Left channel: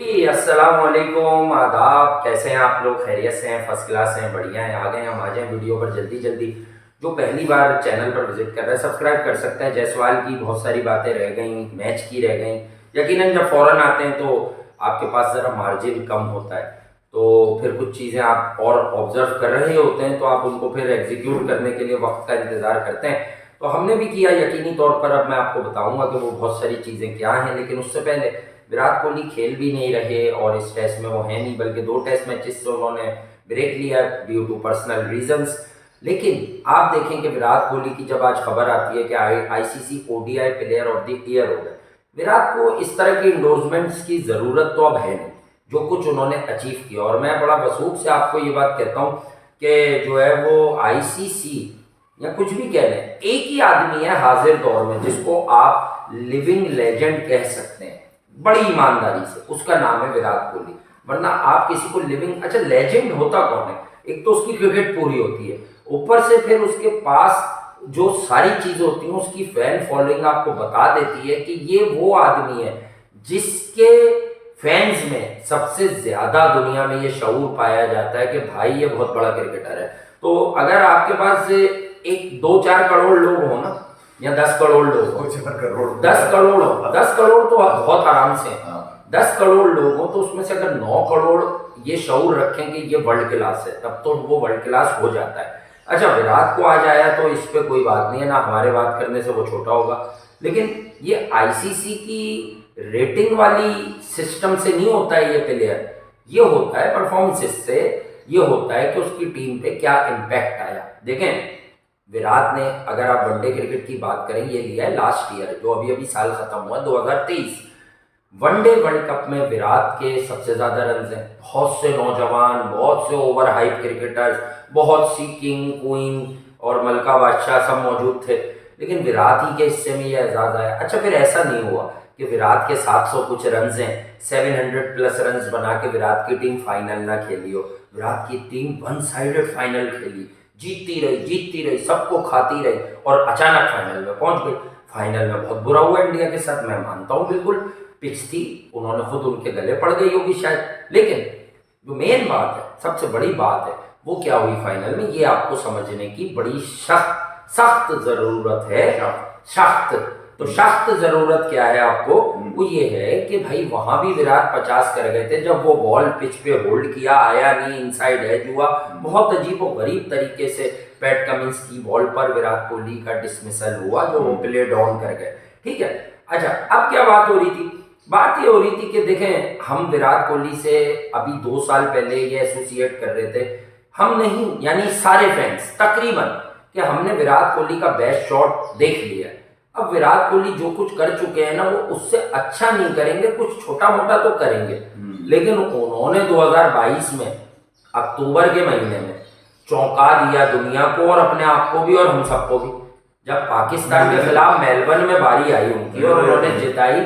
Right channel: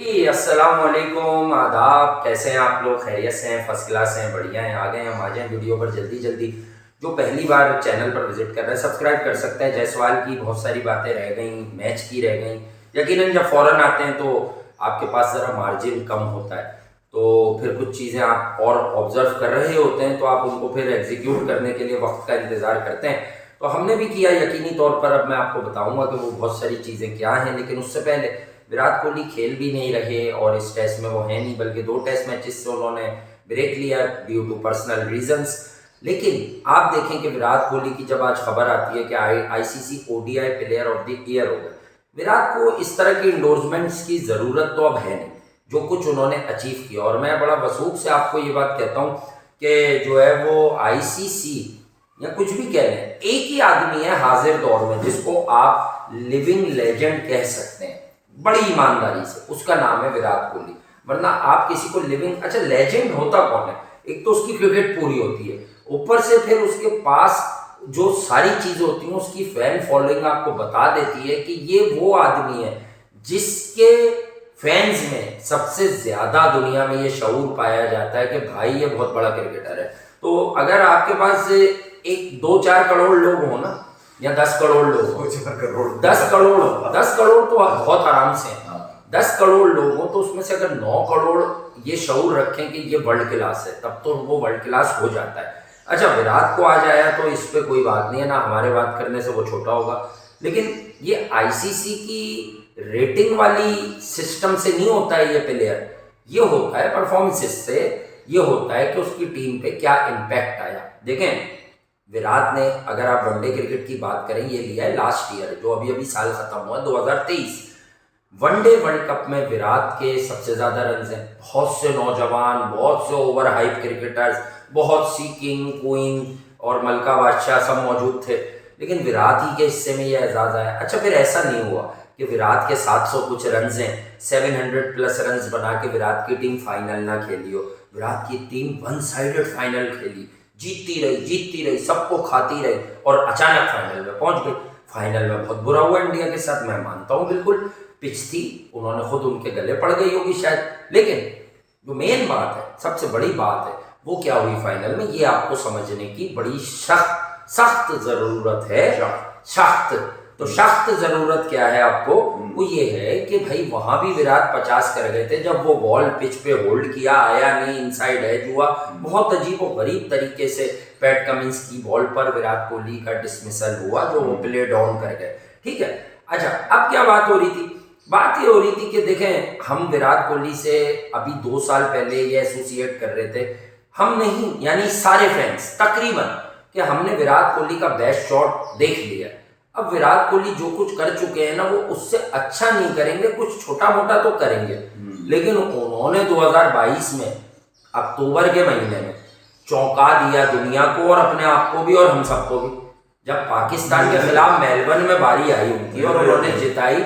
अस्सलाम वालेकुम, आदाब। कैसे हैं आप लोग? खैरियत से हैं? फर्स्ट क्लास हैं? बढ़िया हैं? आ गए हम आ जाएं वीडियो पर जल्दी जल्दी। जो पहली बार चैनल पर विजिट कर रहे हैं सब्सक्राइब कर सकते हैं। जायसवाल की बहुत सारी बातें रह गई, मैच की रह गई। यकीनन जब फ़ौरन आते हैं तो आपके पास ज़रा मार्जिन कम होता है, तो फिर कुछ चीज़ें आप और ऑब्जर्व कर रहे होते हैं तो आप उनको फिर एग्जीक्यूट करने के लिए वक्त का इंतज़ार करते हैं। तो हमने भी किया यकीनी तौर पर। अब मैं आपको बताऊंगा कि वो बहुत सारी चीज़ें क्या हैं, लेकिन उससे पहले विराट कोहली खेल भी नहीं रहे और इस टेस्ट में वो है नहीं, बल्कि 2 टेस्ट मैचेस से उन्होंने ब्रेक लिया ड्यू टू पर्सनल रीजंस। लेकिन आप देखें कि विराट कोहली की जब आज खबर आती है कि ICC ODI player of the year हो गए, विराट को इस तरह की इंडोर्समेंट्स की ज़रूरत तो अब है नहीं, जो कुछ उन्होंने अचीव किया। और मैं बड़ा वसूख से आपको ये बात कहता हूँ कि जो है वो आईसीसी या कुछ भी कह लें, एक ही आदमी है हाजिर दौर में जिसको आप लिविंग लेजेंड कह सकते हैं बड़ी ईमानदारी से। उसका नाम है विराट कोहली। वरना आप किसी को लिविंग, अच्छा लेजेंड होता कौन है? एक तो उसकी क्रिकेट पूरी होती है, ऊपर से फिर उसके पास जो सारी चीजें होती हैं, उसकी फैन फॉलोइंग आपको बता देती है कि ये वो आदमी है जिसके फैंस में सबसे ज्यादा दुनिया में ये शऊर पाया जाता है कि भाई ये बहुत बड़ा क्रिकेटर है। तो अगर आपके पास एक 2-4 करोड़ लोग हो ना, या 10 करोड़ लोग हो, 10 करोड़ हो, 10 करोड़ तो बहुत आराम से हैं। 10 करोड़ लोग हो तो उसमें से अगर 9 करोड़ ये शऊर रखें कि ये वर्ल्ड क्लास है, तब तो वो वर्ल्ड क्लास हो जाता है। अच्छा, विराट को आज आया तो इस पे कोई बात नहीं है ना, हमारे बात करने से वो छोटा होगा। लेकिन ये आईसीसी की रेटिंग वाली सिस्टम से नहीं होता है ये प्लेयर, ये होता है परफॉर्मेंसेस से। ये होता है कि उसकी टीम पे क्या इम्पैक्ट आया। देखें, विराट ने, अगर आप वनडे क्रिकेट की बात करें, ये लिया है लास्ट ईयर जो अभी अभी साल खत्म हुआ 2023। वनडे वर्ल्ड कप में विराट के सबसे ज्यादा रन हैं। बहुत से नौजवान, बहुत से ओवर हाइप क्रिकेटर्स, बहुत सी किंग क्वीन और मलका बादशाह सब मौजूद थे, लेकिन विराट ही के हिस्से में यह एजाज आया। अच्छा, फिर ऐसा नहीं हुआ कि विराट के 700 कुछ रन हैं, 700 प्लस रन बना के विराट की टीम फाइनल ना खेली हो। विराट की टीम वन साइडेड फाइनल खेली, जीतती रही, सबको खाती रही और अचानक फाइनल में पहुंच गई। फाइनल में बहुत बुरा हुआ इंडिया के साथ, मैं मानता हूं बिल्कुल। पिच थी, उन्होंने खुद उनके गले पड़ गई होगी शायद, लेकिन जो मेन बात है, सबसे बड़ी बात है, वो क्या हुई फाइनल में, ये आपको समझने की बड़ी सख्त सख्त जरूरत है। सख्त तो सख्त जरूरत क्या है आपको? वो ये है कि भाई वहां भी विराट 50 कर गए थे जब वो बॉल पिच पे होल्ड किया, आया नहीं, इनसाइड एज हुआ। बहुत अजीब और गरीब तरीके से पैट कमिंस की बॉल पर विराट कोहली का डिसमिसल हुआ, जो वो प्ले डाउन कर गए। ठीक है। अच्छा, अब क्या बात हो रही थी? बात ये हो रही थी कि देखें, हम विराट कोहली से अभी 2 साल पहले ये एसोसिएट कर रहे थे, हम नहीं, यानी सारे फैंस तकरीबन, कि हमने विराट कोहली का बेस्ट शॉट देख लिया। अब विराट कोहली जो कुछ कर चुके हैं ना, वो उससे अच्छा नहीं करेंगे, कुछ छोटा मोटा तो करेंगे। लेकिन उन्होंने 2022 में अक्टूबर के महीने में चौंका दिया दुनिया को और अपने आप को भी और हम सबको भी। जब पाकिस्तान के खिलाफ मेलबर्न में बारी आई उनकी और उन्होंने जिताई,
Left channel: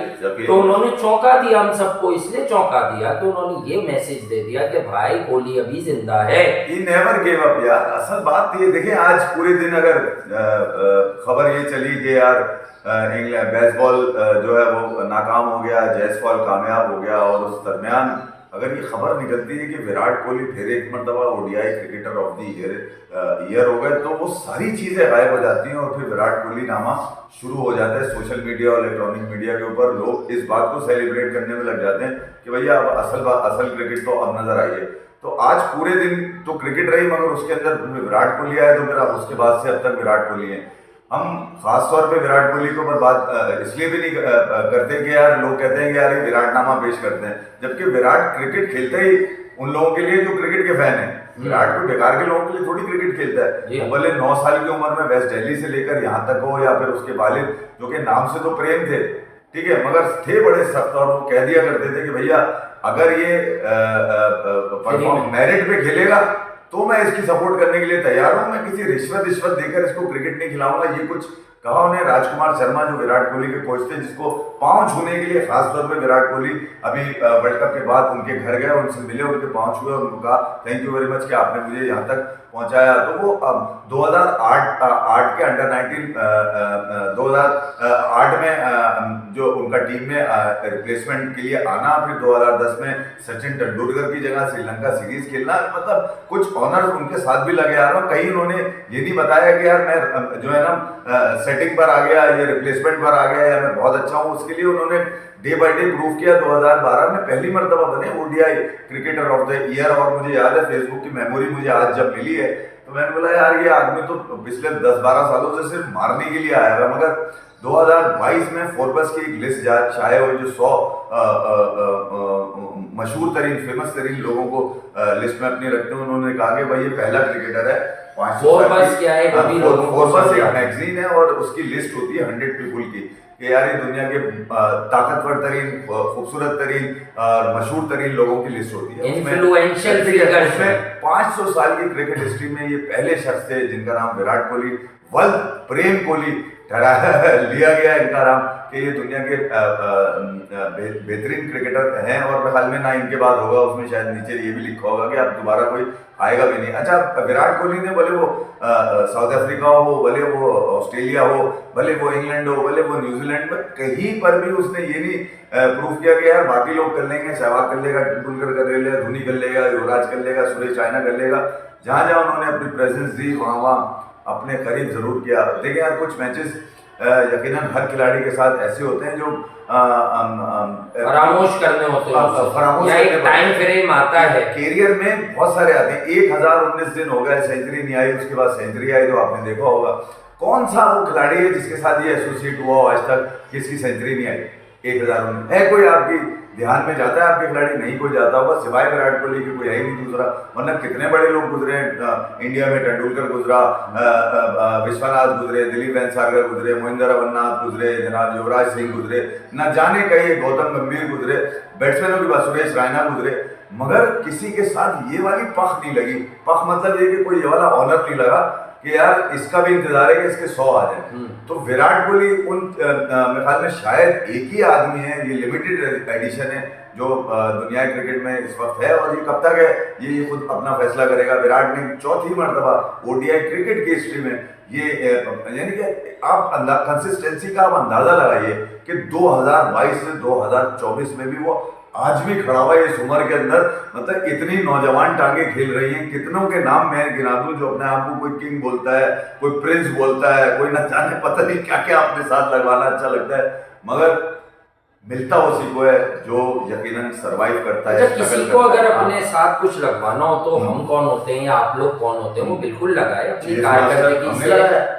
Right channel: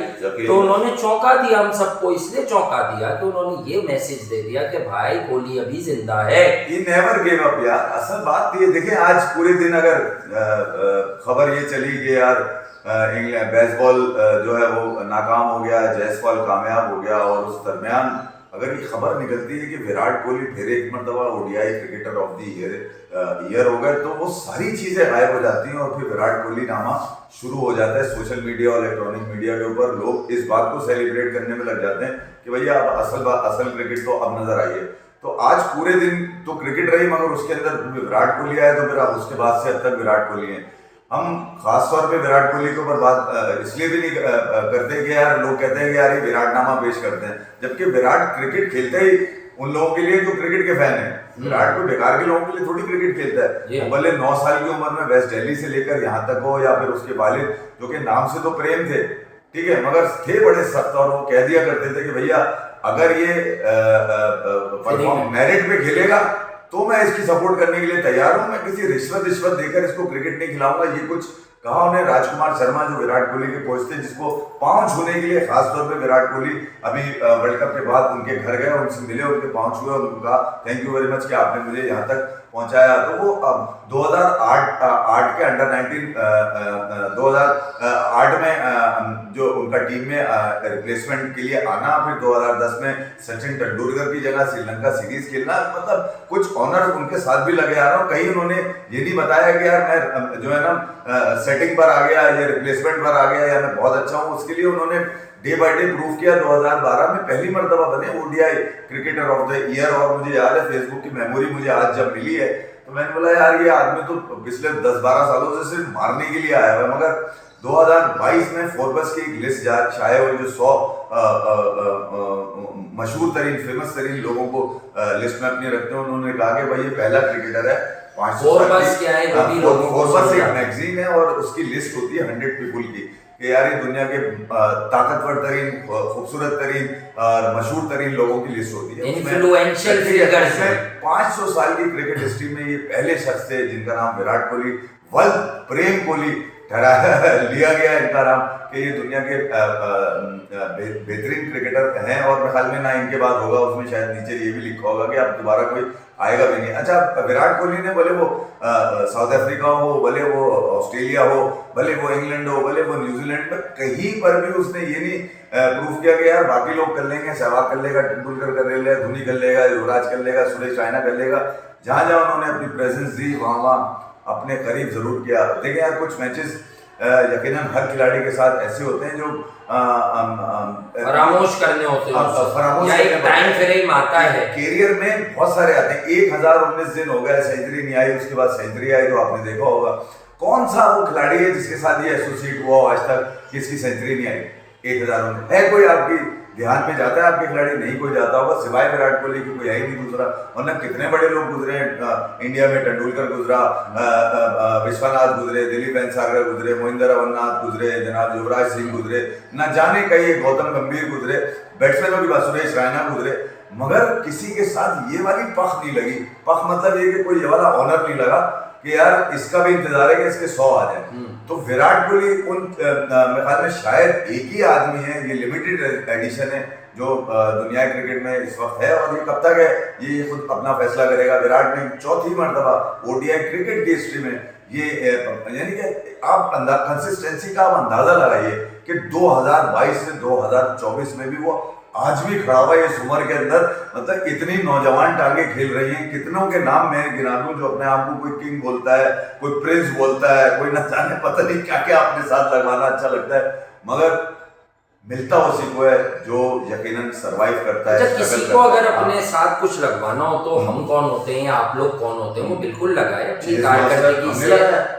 तो उन्होंने चौंका दिया हम सबको। इसलिए चौंका दिया कि उन्होंने ये मैसेज दे दिया कि भाई कोहली अभी जिंदा है। ही नेवर गिव अप यार। असल बात ये देखिए, आज पूरे दिन अगर खबर ये चली कि यार इंग्लैंड बेसबॉल जो है वो नाकाम हो गया, जायसवाल कामयाब हो गया, और उस दरमियान अगर ये खबर निकलती है कि विराट कोहली फिर एक मरतबा ODI cricketer of the year हो गए, तो वो सारी चीजें गायब हो जाती हैं और फिर विराट कोहली नामा शुरू हो जाता है। सोशल मीडिया और इलेक्ट्रॉनिक मीडिया के ऊपर लोग इस बात को सेलिब्रेट करने में लग जाते हैं कि भैया अब असल क्रिकेट तो अब नजर आई है। तो आज पूरे दिन तो क्रिकेट रही, मगर उसके अंदर विराट कोहली आए, तो फिर अब उसके बाद से अब तक विराट कोहली है। हम खास तौर पे विराट कोहली को बर्बाद इसलिए भी नहीं करते कि यार लोग कहते हैं कि यार ये विराट नामा पेश करते हैं, जबकि विराट क्रिकेट खेलते ही उन लोगों के लिए जो क्रिकेट के फैन है। विराट कोई बेकार के लोगों के लिए थोड़ी क्रिकेट खेलता है। वो भले 9 साल की उम्र में वेस्ट दिल्ली से लेकर यहाँ तक हो, या फिर उसके वालिद जो कि नाम से तो प्रेम थे, ठीक है, मगर थे बड़े सख्त, और वो कह दिया करते थे कि भैया अगर ये मेरिट पे खेलेगा तो मैं इसकी सपोर्ट करने के लिए तैयार हूं, मैं किसी रिश्वत देकर इसको क्रिकेट नहीं खिलाऊंगा। ये कुछ कहा उन्हें राजकुमार शर्मा, जो विराट कोहली के कोच थे, जिसको पांव छूने के लिए खासतौर पे विराट कोहली अभी वर्ल्ड कप के बाद उनके घर गए, उनसे मिले, उनके पांव छुए और उनको कहा थैंक यू वेरी मच कि आपने मुझे यहाँ तक पहुंचाया। तो वो 2008 के अंडर 19 2008 में जो उनका टीम में रिप्लेसमेंट के लिए आना, फिर 2010 में सचिन तेंदुलकर की जगह श्रीलंका सीरीज खेलना, मतलब कुछ ऑनर उनके साथ भी लगे आ रहा हूँ। कहीं उन्होंने ये नहीं बताया कि यार मैं जो है ना सेटिंग पर आ गया या रिप्लेसमेंट पर आ गया या मैं बहुत अच्छा हूँ। उसके लिए उन्होंने डे बाय डे प्रूव किया। 2012 में पहली मर्तबा बने ODI cricketer of the year. और मुझे याद है फेसबुक की मेमोरी मुझे आज जब मिली है तो मैंने बोला यार ये आदमी तो पिछले 10-12 सालों से सिर्फ मारने के लिए आया है, मगर 2022 में फोर्ब्स की एक लिस्ट शाये हुई जो 100 मशहूर तरीन फेमस तरीन लोगों को लिस्ट में अपने रखते हैं। उन्होंने कहा कि भाई ये पहला क्रिकेटर है 500 फोर्ब्स क्या है वो भी लोगों को फोर्ब्स एक समझा। मैगजीन है और उसकी लिस्ट होती है 100 पीपुल की कि यार ये दुनिया के ताकतवर तरीन, खूबसूरत तरीन और मशहूर तरीन लोगों की लिस्ट होती है। इन्फ्लुएंशियल फिगर्स में 500 साल की क्रिकेट हिस्ट्री में ये पहले शख्स थे जिनका नाम विराट कोहली, वल्द प्रेम कोहली लिया गया इनका नाम, कि ये दुनिया के बेहतरीन क्रिकेटर हैं। और मेरे ख्याल में ना इनके बाद होगा, उसमें शायद नीचे ये भी लिखा होगा कि अब दोबारा कोई आएगा भी नहीं। अच्छा, विराट कोहली ने भले वो साउथ अफ्रीका हो, भले वो ऑस्ट्रेलिया हो, भले वो इंग्लैंड हो, भले वो न्यूजीलैंड में, कहीं पर भी उसने ये नहीं प्रूव किया कि यार बाकी लोग कर लेंगे, सहवाग कर लेगा, तेंदुलकर कर लेगा, धोनी कर लेगा, युवराज कर लेगा, सुरेश रायना कर लेगा। जहाँ जहाँ उन्होंने अपनी प्रेजेंस दी वहाँ अपने करीब जरूर किया। देखिए यार कुछ मैचेस यकीनन हर खिलाड़ी के साथ ऐसे होते हैं जो फरामोश करने होते हैं, या एक टाइम फ्रेम आता है कैरियर में, बहुत सारे आते हैं। 1019 दिन हो गए सेंचुरी नहीं आई, उसके बाद सेंचुरी आई, तो आपने देखा होगा कौन सा वो खिलाड़ी है जिसके साथ ये एसोसिएट हुआ आज तक किसकी सेंचुरी नहीं आई 1019 है? कोई आपकी ध्यान में जाता है आपके खिलाड़ी? नहीं कोई जाता होगा, सिवाय विराट कोहली की कोई है ही नहीं दूसरा। वरना कितने बड़े लोग गुजरे इंडिया में, तेंदुलकर गुजरा, विश्वनाथ गुजरे, दिलीप वेंसागर गुजरे, मोहिंदर अमरनाथ गुजरे, जनाब युवराज सिंह गुजरे, न जाने कई गौतम गंभीर गुजरे, बैट्समैनों की बात सुरेश रायना गुजरे, मगर किसी के साथ ये वाली पख नहीं लगी। पख मतलब ये कि कोई ये वाला ऑनर नहीं लगा कि यार इसका भी इंतजार है कि इसके 100 आ जाए। तो विराट कोहली उन मेरे ख्याल में शायद एक ही आदमी है, ये लिमिटेड एडिशन है जो दुनिया क्रिकेट में इस वक्त है, और ये कब तक है ये खुद अपना फैसला करेगा। विराट ने चौथी मर्तबा ओडीआई क्रिकेट की हिस्ट्री में ये, यानी कि आप कंसिस्टेंसी का आप अंदाजा लगाइए कि 2022 से 2024 में भी वो आज भी खड़ा हुआ है इस उम्र के अंदर। मतलब इतनी नौजवान टांगे खेल रही हैं। कितनों के नाम मैं गिना दूं जो अपने आप को कोई किंग बोलता है, कोई प्रिंस बोलता है, कोई न जाने पता नहीं क्या क्या अपने साथ लगवाना अच्छा लगता है, मगर मिलता उसी को है जो यकीनन सरवाइव करता है। किसी को अगर अपने साथ कुछ लगवाना हो तो हम कौन होते हैं या आप लोग कौन होते हैं, वो बिल्कुल लगाए अपनी कारकर्दगी से,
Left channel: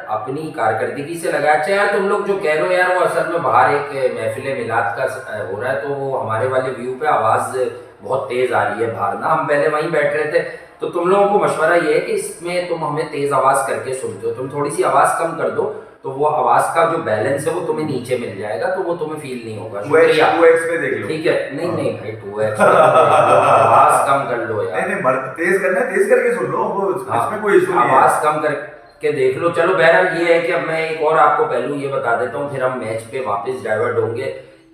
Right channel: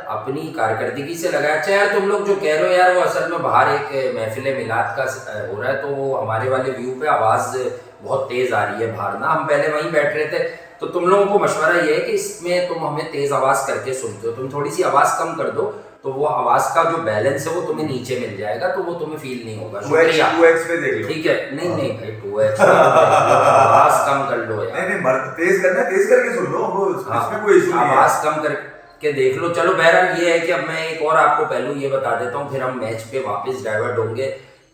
अपनी कारकर्दगी से लगाए। अच्छा यार तुम लोग जो कह रहे हो यार, वो असल में बाहर एक महफिल मिलाद का हो रहा है, तो हमारे वाले व्यू पे आवाज बहुत तेज आ रही है बाहर ना। हम पहले वहीं बैठ रहे थे, तो तुम लोगों को मशवरा ये है कि इसमें तुम हमें तेज आवाज करके सुनते हो, तुम थोड़ी सी आवाज कम कर दो तो वो आवाज का जो बैलेंस है वो तुम्हें नीचे मिल जाएगा, तो वो तुम्हें फील नहीं होगा। शुक्रिया, 2x पे देख लो। ठीक है, नहीं भाई 2x आवाज कम कर लो यार। नहीं तेज करना है, तेज करके सुन लो, वो इसमें कोई इशू नहीं है। आवाज कम करके देख लो। चलो बहरहाल ये है कि अब मैं एक और आपको पहलू ये बता देता हूँ, फिर हम मैच पे वापस डाइवर्ट होंगे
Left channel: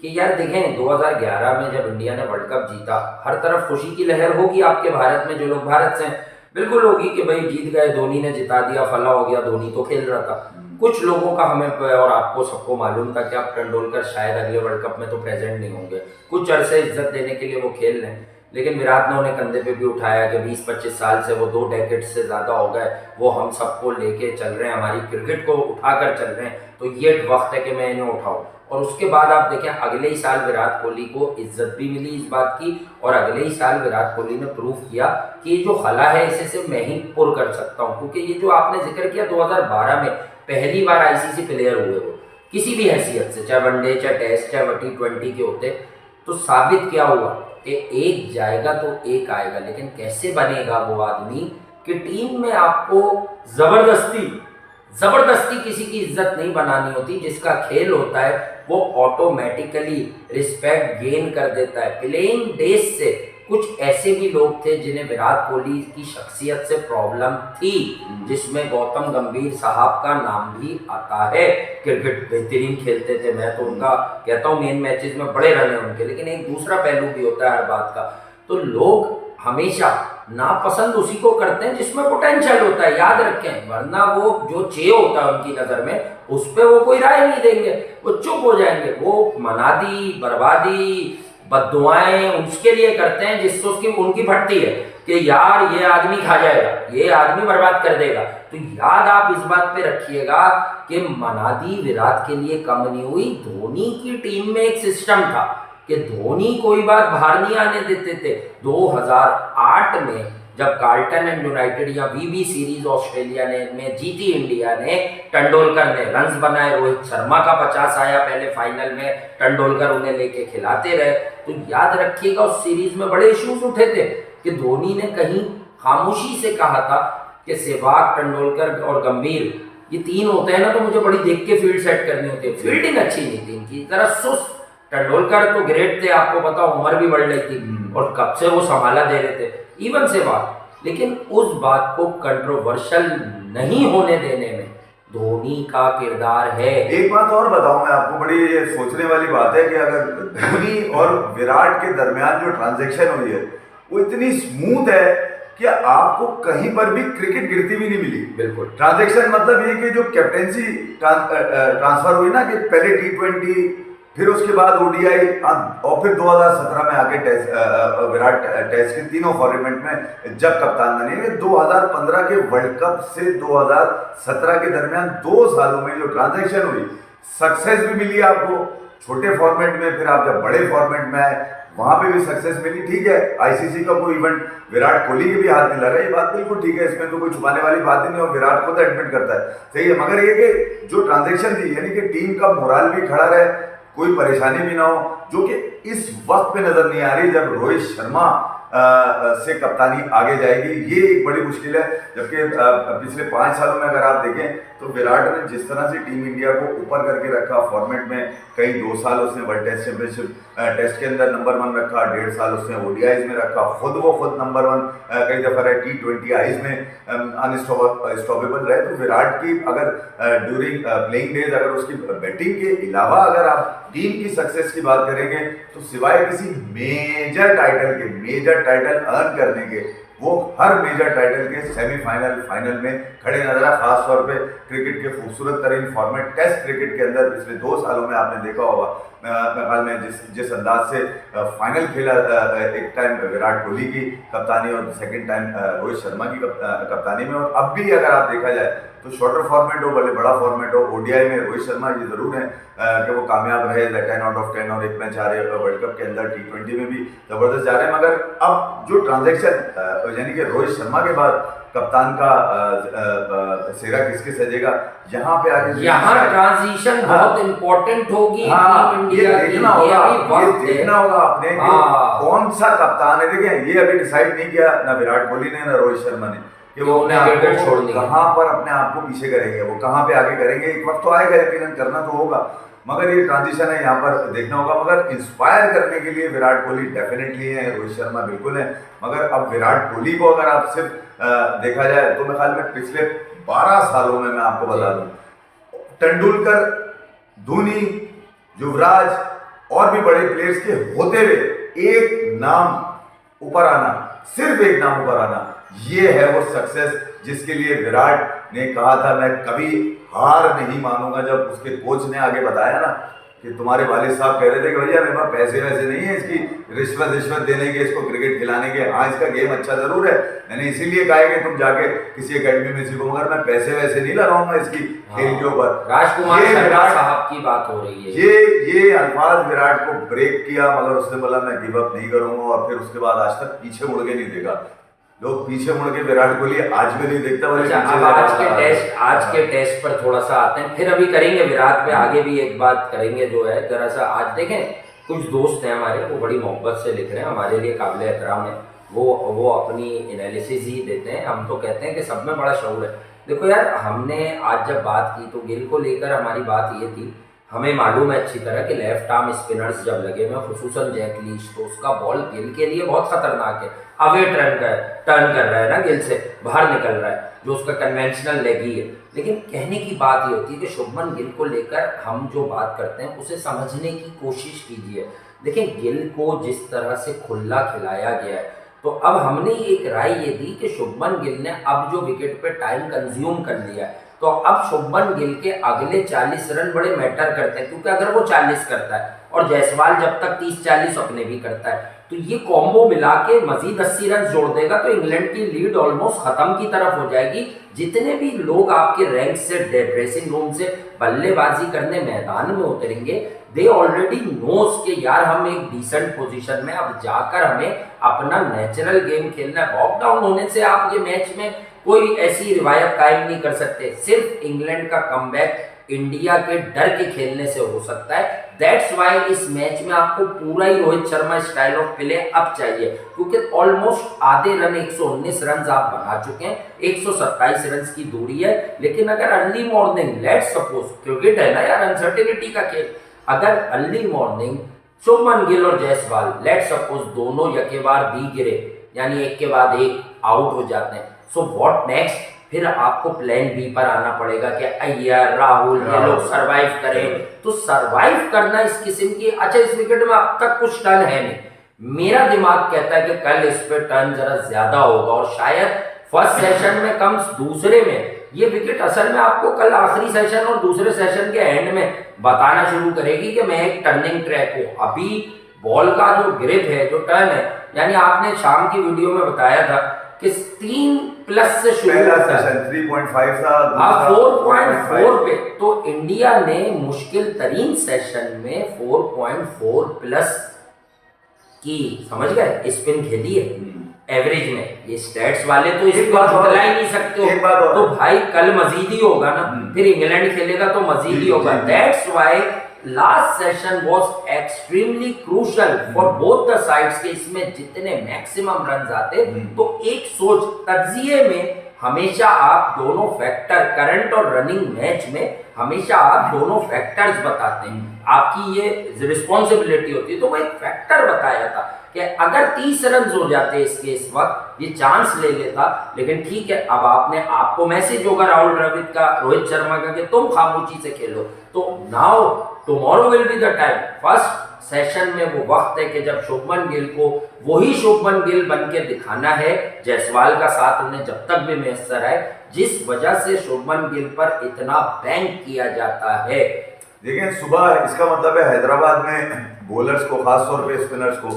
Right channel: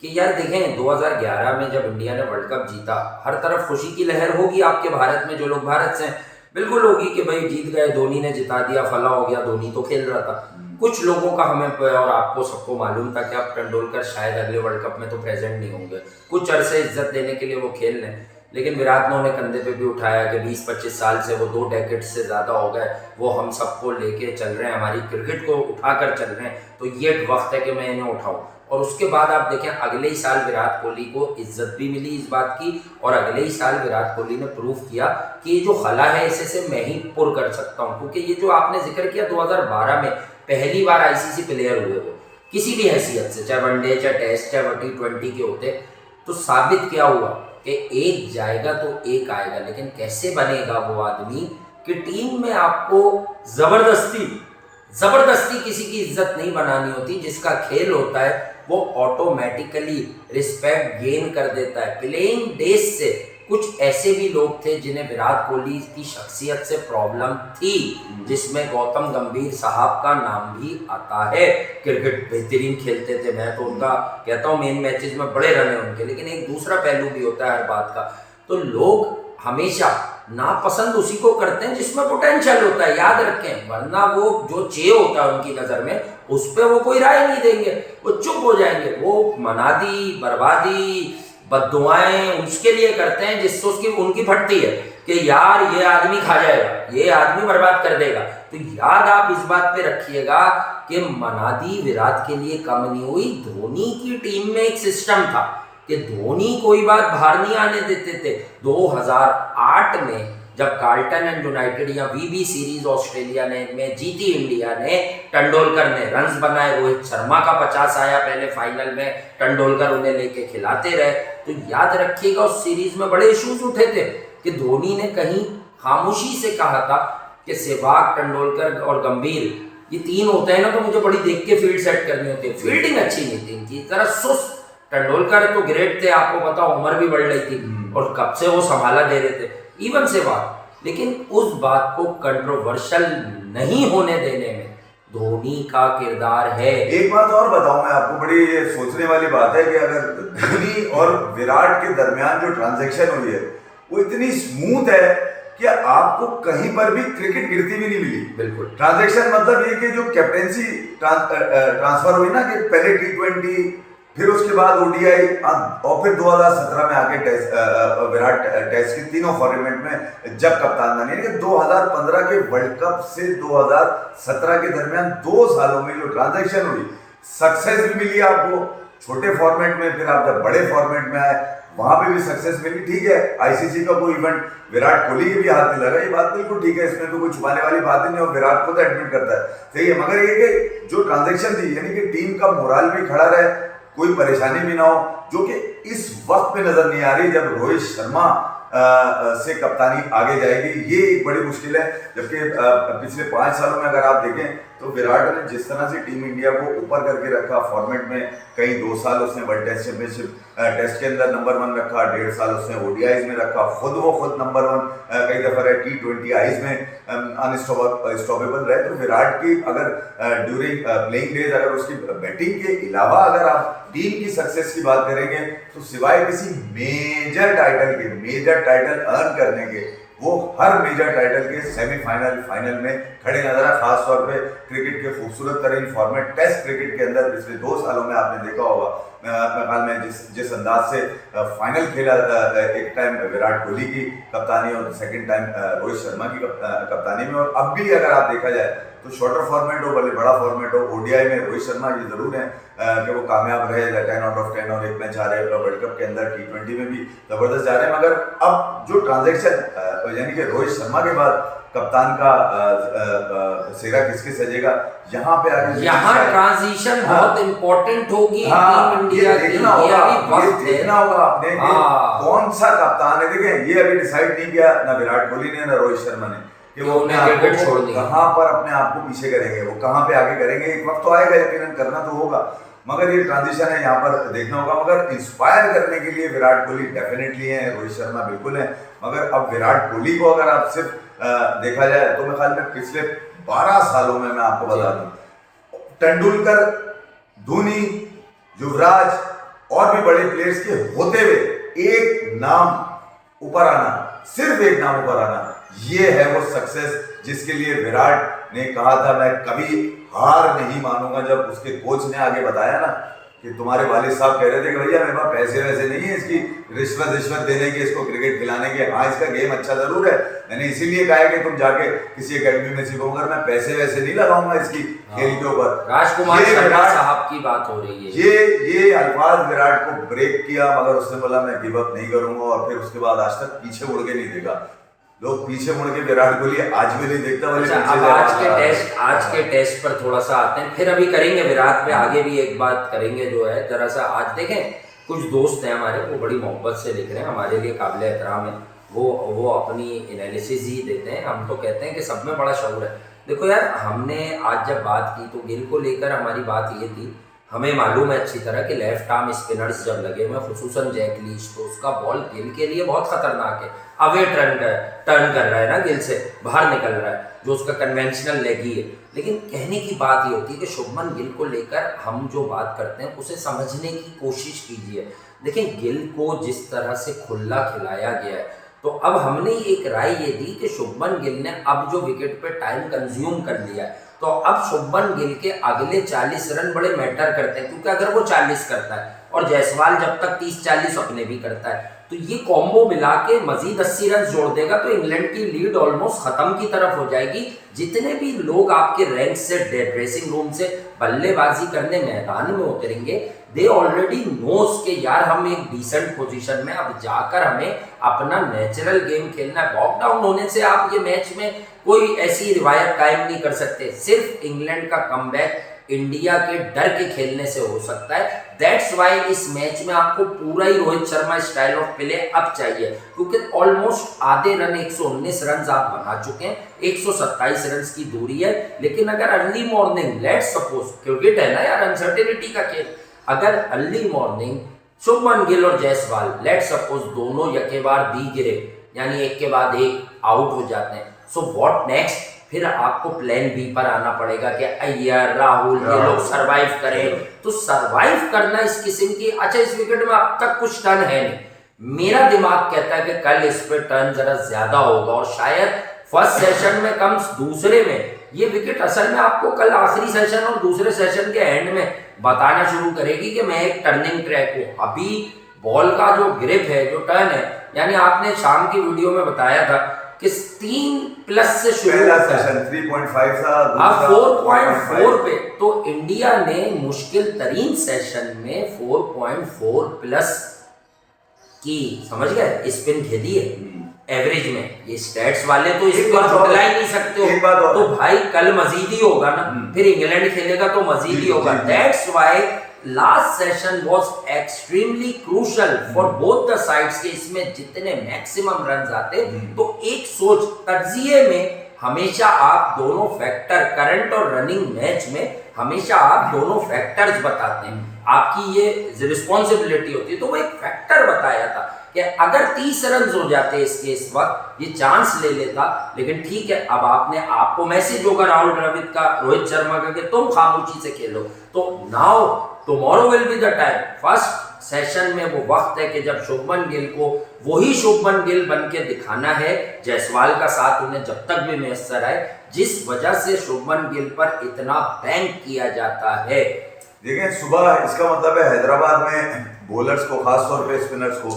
कि यार देखें 2011 में जब इंडिया ने वर्ल्ड कप जीता, हर तरफ खुशी की लहर होगी आपके भारत में, जो लोग भारत से हैं बिल्कुल होगी कि भाई जीत गए, धोनी ने जिता दिया, फला हो गया, धोनी तो खेल रहा था। कुछ लोगों का हमें और आपको सबको मालूम था कि अब तेंदुलकर शायद अगले वर्ल्ड कप में तो प्रेजेंट नहीं होंगे, कुछ अरसे इज्जत देने के लिए वो खेल रहे हैं। लेकिन विराट ने उन्हें कंधे पे भी उठाया कि 20-25 साल से, वो 2 डेकेड से ज़्यादा हो गए, वो हम सबको लेके चल रहे हैं, हमारी क्रिकेट को उठाकर चल रहे हैं, तो ये वक्त है कि मैं इन्हें उठाऊँ। और उसके बाद आप देखें अगले ही साल विराट कोहली को इज्जत भी मिली इस बात की, और अगले ही साल विराट कोहली ने प्रूव किया कि ये जो खला है इसे से मैं ही पुर कर सकता हूँ। क्योंकि ये जो आपने जिक्र किया 2012 में पहली बार आईसीसी प्लेयर हुए वो, किसी भी हैसियत से, चाहे वनडे, चाहे टेस्ट, चाहे T20 के होते, तो साबित क्या हुआ कि एक जाएगा तो एक आएगा। लेकिन कैसे बनेगा वो आदमी कि टीम में आपको जबरदस्ती किसी की इज्जत नहीं बनानी होती, जिसका खेल होता है वो ऑटोमेटिकली रिस्पेक्ट गेन कर देता है। प्लेइंग डेज से कुछ ऐसे भी लोग थे जिन्हें विराट कोहली की शख्सियत से प्रॉब्लम थी, जिसमें गौतम गंभीर साहब का नाम भी आता है। क्रिकेट बेहतरीन खेलते थे, मैं तो उनका कहता हूँ मेन मैचेस में बड़े रन हैं उनके, लेकिन एक दूसरा पहलू भी होता है हर बात का। तो लोग हमेशा नापसंद उसी को करते हैं जिसमें पोटेंशियल होता है, याद रखें, वरना वो जो चे होता है उनकी नज़र में उस पर वो कोई राय नहीं देंगे, वो चुप हो जाएंगे, वो मनादी, बर्बादी, बद्दुआएं उसके लिए करते हैं जिससे उसकी उनकी फटती है कि यार ये आदमी खा जाएगा, ये आदमी बर्बाद कर देगा। तो याद आप इस बात पे रखिएगा कि मनादी विराट के लिए कम नहीं हुई, धोनी की टीम में एक सिस्टम था कि धोनी कोई बात बाहर नहीं आने देते थे। 2008 में जब कार्ल्टन एंड यूनाइटेड या वीबी सीरीज ऑस्ट्रेलिया ने में जीती इंडिया ने, तेंदुलकर ने रन्स बनाए, रोहित शर्मा का 50 आया पहले फाइनल में, तेंदुलकर उन्हें लेके खिलाते रहे। तो याद रखिएगा उस सीरीज में बड़े इश्यूज उठे थे कि धोनी ने कहीं खामोशी से कहा था कि सहवाग, तेंदुलकर और गंभीर ये तीन होते हैं ना तो मुझे बड़ी देख के फील्ड सेट करनी होती है। फील्डिंग अच्छी नहीं थी इनकी, जरा सुस्त। तेंदुलकर तो ग्रेट थे, आपको पता उम्र भी बढ़ रही थी और कब से वो संभाला दे रहे थे, इवन सहवाग। लेकिन उस बात को कंट्रोवर्शियल नहीं होने देने में धोनी का किरदार है। एक बात और बताऊं मैं आपको, बड़ी ये सोचने वाली बात है कि अगर धोनी और विराट के दरमियान जो ट्रांजैक्शन हुई है वो इतनी स्मूथ है कि आपको कहीं पर भी क्रिकेट गिरती भी नहीं मिली। बिल्कुल ट्रांजैक्शन मतलब ये कि जो कैप्टेंसी ट्रांसफर हुई ना, कि पहले T20 फिर उसके बाद ODI और फिर 2017 में आके विराट टेस्ट के तीनों फॉर्मेट में जब कप्तान बने। 2015 के वर्ल्ड कप से 2017 के दरमियान 2 सालों में जो ट्रांजैक्शन हुई, सक्सेस भी मिली आपको छोटे फॉर्मेट में, फिर आप जब बड़े फॉर्मेट में आए वहां पे भी सक्सेस मिली। ठीक है, ICC का कोई इवेंट विराट कोहली के भी हाथ नहीं लगा, ये बात बिल्कुल ठीक है, इसमें तो कोई छुपाने वाली बात ही नहीं, और विराट को तो एडमिट करता है, सही है। मगर ये कि जो ट्रांजैक्शन थी, यानी कि टीम का मोराल भी खड़ा रहे, कोई परेशानी भी ना हो, जो कि इस वक्त पे नजर नहीं आ रही जब रोहित शर्मा से कप्तानी आगे जाएगी, ये एक बड़ी मुश्किल है। जबकि पिछले 5 सालों में अगर आप देखें तो विराट ने जिस तरह से टीम इंडिया को ऊपर करके रखा फॉर्मेट में, कई 2 साल उसने वर्ल्ड टेस्ट चैंपियनशिप टेस्ट के अंदर नंबर 1 रखा, 1.5 साल उसने ODIs में रखा, खुद नंबर 1 कई दफा रहे, T20Is में अनस्टॉपेबल रहे। तो विराट की अगर ड्यूरिंग प्लेइंग डेज अगर उसकी बैटिंग के अलावा अगर आप टीम की सक्सेस की बात करेंगे तो सिवाय किसी मेजर टाइटल अर्न करने के, वो हर मेजर टाइटल के सेमीफाइनल, फाइनल में खड़े नजर आए। खासतौर पे क्रिकेट के खूबसूरत तरीन फॉर्मेट टेस्ट क्रिकेट के अंदर पिछले 2 सालों में आपने देखा होगा, ख्याल में जिस अंदाज से फाइनल खेला, एक टाइम विराट कोहली की कप्तानी और सेकंड टाइम रोहित शर्मा की कप्तानी में। और अब भी अगर आप देखा जाए तो शॉर्टर फॉर्मेट हो, भले बड़ा फॉर्मेट हो, ODI में रोहित शर्मा ये जरूर है कि वो कामयाब रहे, 10 आउट ऑफ 10 और 1 मैच आ रहे हैं वर्ल्ड कप के अंदर, T20 में भी जबरदस्त जा रहे हैं। मगर अब जो ट्रांजैक्शन, यानी कि रोहित शर्मा के बाद कप्तान का सेहरा किसके सजेगा, यहाँ पे आगे ट्रांजिशन बहुत इंपॉर्टेंट होगी टीम इंडिया की। देखना होगा आपने कि कौन सा कप्तान है। देखें, ये अभी डिसाइड नहीं किया ना विराट कोहली ने ना रोहित शर्मा ने कि वो क्रिकेट छोड़ देंगे, कहाँ पर अपने आप को पीछे करेंगे, वो कहाँ पे आगे करेंगे। एक वक्त तो आएगा, यकीनन करना तो होगा, मगर ये ट्रांजिशन है, यहाँ पर देखना होगा। मगर इंस्पायर करने के लिए विराट कोहली डेफिनेटली है, रोहित शर्मा बिल्कुल है। मगर अब विराट कोहली को अगर आप सिर्फ देखा जाए तो मेरे ख्याल में पिछले 12 सालों में मैं आपको बता दूं, तेंदुलकर, धोनी, युवराज और भी बड़े प्लेयर्स के होते हुए एक नाम ऊपर आना, सिर्फ एक नाम ऊपर आना, ये है वो सक्सेस जिसके लिए विराट ने कहा था मैं कभी हार नहीं मानूंगा। जब उसके कोच ने आगे बताया ना कि तुम्हारे वालिद साहब कह रहे थे कि भैया मेरे पास पैसे वैसे नहीं है इसकी रिश्वत देने के, इसको क्रिकेट खिलाने के, हाँ इसका गेम अच्छा जरूर है, मैंने इसीलिए कहा है कि तुम जाके किसी एकेडमी में सीखो, मगर मैं पैसे वैसे नहीं लगाऊंगा इसकी खेल के ऊपर। राजकुमार शर्मा साहब की बात हो रही है। ये अल्फाज विराट को ब्रेक किया, मगर उसने बोला मैं गिव अप नहीं करूंगा, और फिर उसके बाद आज तक पीछे मुड़ के नहीं देखा। लोग पीछे मुड़ के विराट कोहली आज भी नहीं देखता। अच्छा, अब आज के टेस्ट पर थोड़ा सा आते हैं, फिर अभी करेंगे विराट पे, आगे भी एक बात करेंगे जो है जरा सा। आज देखें, कुछ दोस्त हैं हमारे, वो बड़ी मोहब्बत से लिख रहे हैं, हमारे लिए काबिल एहतराम है, वो अपनी एनालिसिस ही देते हैं। हम तो कहते हैं कि सब में बड़ा शऊर है। देखो यार, हमने आज जब बात की तो गिल को लेकर हमारी बात ये थी, हमें मालूम है अच्छी तरह कि लेफ्ट आर्म स्पिनर्स जब लगे हुए, खुसूसन जैक लीच, तो उसका बॉल गिल के लिए बहुत खतरनाक है। अवे टर्न कर रहा है ना, गिल से बाहर निकल रहा है, जो उसका कन्वेंशनल लेग ही है। लेकिन कहने की बात ये होती है कि शुभमन गिल को लेकर हम जो बात करते हैं उसे समझने की कोशिश कीजिए। देखिए, गिल को जिस तरह से खुला खिलाया गया है, तो अब हमने एक राय ये दी कि शुभमन गिल ने अब जो विकेट पे टाइम कंज्यूम कर लिया है, तो अब शुभमन गिल के अगले 40 रन बड़े मैटर करते हैं, क्योंकि अगर वो 40 करता है और जायसवाल जब तक 30-40 अपने भी करता है, तो ये कॉम्बो मिला के मजीद 80 रन जोड़ देगा, तो इंग्लैंड की लीड ऑलमोस्ट खत्म की तरफ हो जाएगी। जितने भी लोग आपके रैंक से ड्रेसिंग रूम से बल्लेबाजी करने मैदान में उतरेंगे, दे ऑलरेडी नोस के यार हम एक डिसेंट पोजीशन में, अब जाकर हमें अपना नेचुरल गेम खेलना है। लॉकडाउन होने से आप ये मैच में कोई ऐसी रिवायत कायम नहीं कर सकते। सिर्फ इंग्लैंड का कमबैक इंडिया के डर के खेलने से हो सकता है। दैट्स वाई इस मैच में आपको पूरा ही Rohit Sharma style of play up चाहिए, क्योंकि ऑलमोस्ट आधे रन 119 रन आप बना चुके हैं, 127 रन की दूरी है। लेकिन अगर early morning, let's suppose, cricket है ना यार, अनसर्टेनिटी का खेल, अगर अर्ली मॉर्निंग शुभमन गिल और जायसवाल लेट्स सपोज दोनों यकेबार भी गिरे, यानी एक के बाद एक आउट हो जाते हैं, सो व्हाट नेक्स्ट? फिर आपको प्लान बी पर आना पड़ेगा कि अय्यर, राहुल ये लोग सरवाइव करें। तो सरवाइव करना इस किस्म की, अच्छा इस विकेट में अब तक कुछ टर्न है नहीं, मेरा दिमाग कहता है कि कल इस पे टर्न जरा ज्यादा होगा और शायद फर्स्ट सेशन में कम दूसरे में ये विकेट असल में आपको कल आखिरी सेशन और दूसरे सेशन के एंड में बताना शुरू करेगी कि मैं एक टर्निंग ट्रैक हूँ। अभी बॉल का जो ग्रिप है, जो टर्न है, यानी आपने शाम की वीडियो में बताया था कि 3+ से शुरू होता है, 3.5 था, अब 4.4 पे, तो इंडिया ने मुश्किल तरीन सेशन में 4.4+ की, समझ गए, स्पिन खेली है एवरेज में। ये स्टैट्स वाले तो इसको झुटला ही नहीं सकते हो, तो भाई कल मजीद ही होगा ना, फिर इंग्लैंड खेलेगा तो मजीद ही होगा। That's why last session was extremely crucial for both the sides के, इसमें जितने मैक्सिमम रन आते, तो एक सोच तज्जिए में हमेशा आप दोनों फैक्टर, करंट और रनिंग मैच में हमेशा आप दोनों फैक्टर्स बताते हैं, आपकी ये रिस्पॉन्सिबिलिटी होती है। तो वो एक फैक्टर बताया था कि अगर 30 रन हो जाते इसके इस वक्त, ये चांस ले लेता। लेकिन ठीक है, अब आपको मैसेज होगा राहुल द्रविड़ का, रोहित शर्मा का, कि तुम खामोशी से खेलो। तो now tomorrow will be the time, first session में वो वक्त है कि जब शुभमन गिल को वही शुभमन गिल बन के दिखाना है, जायसवाल का साथ उन्हें जब तक भी मैसर आए, जिस वजह से शुभमन गिल पर इतना बैंक किया जाता है। देखिए सुबह, इसका मतलब है हैदराबाद में बॉलर्स को, खासतौर पे स्पिनर्स को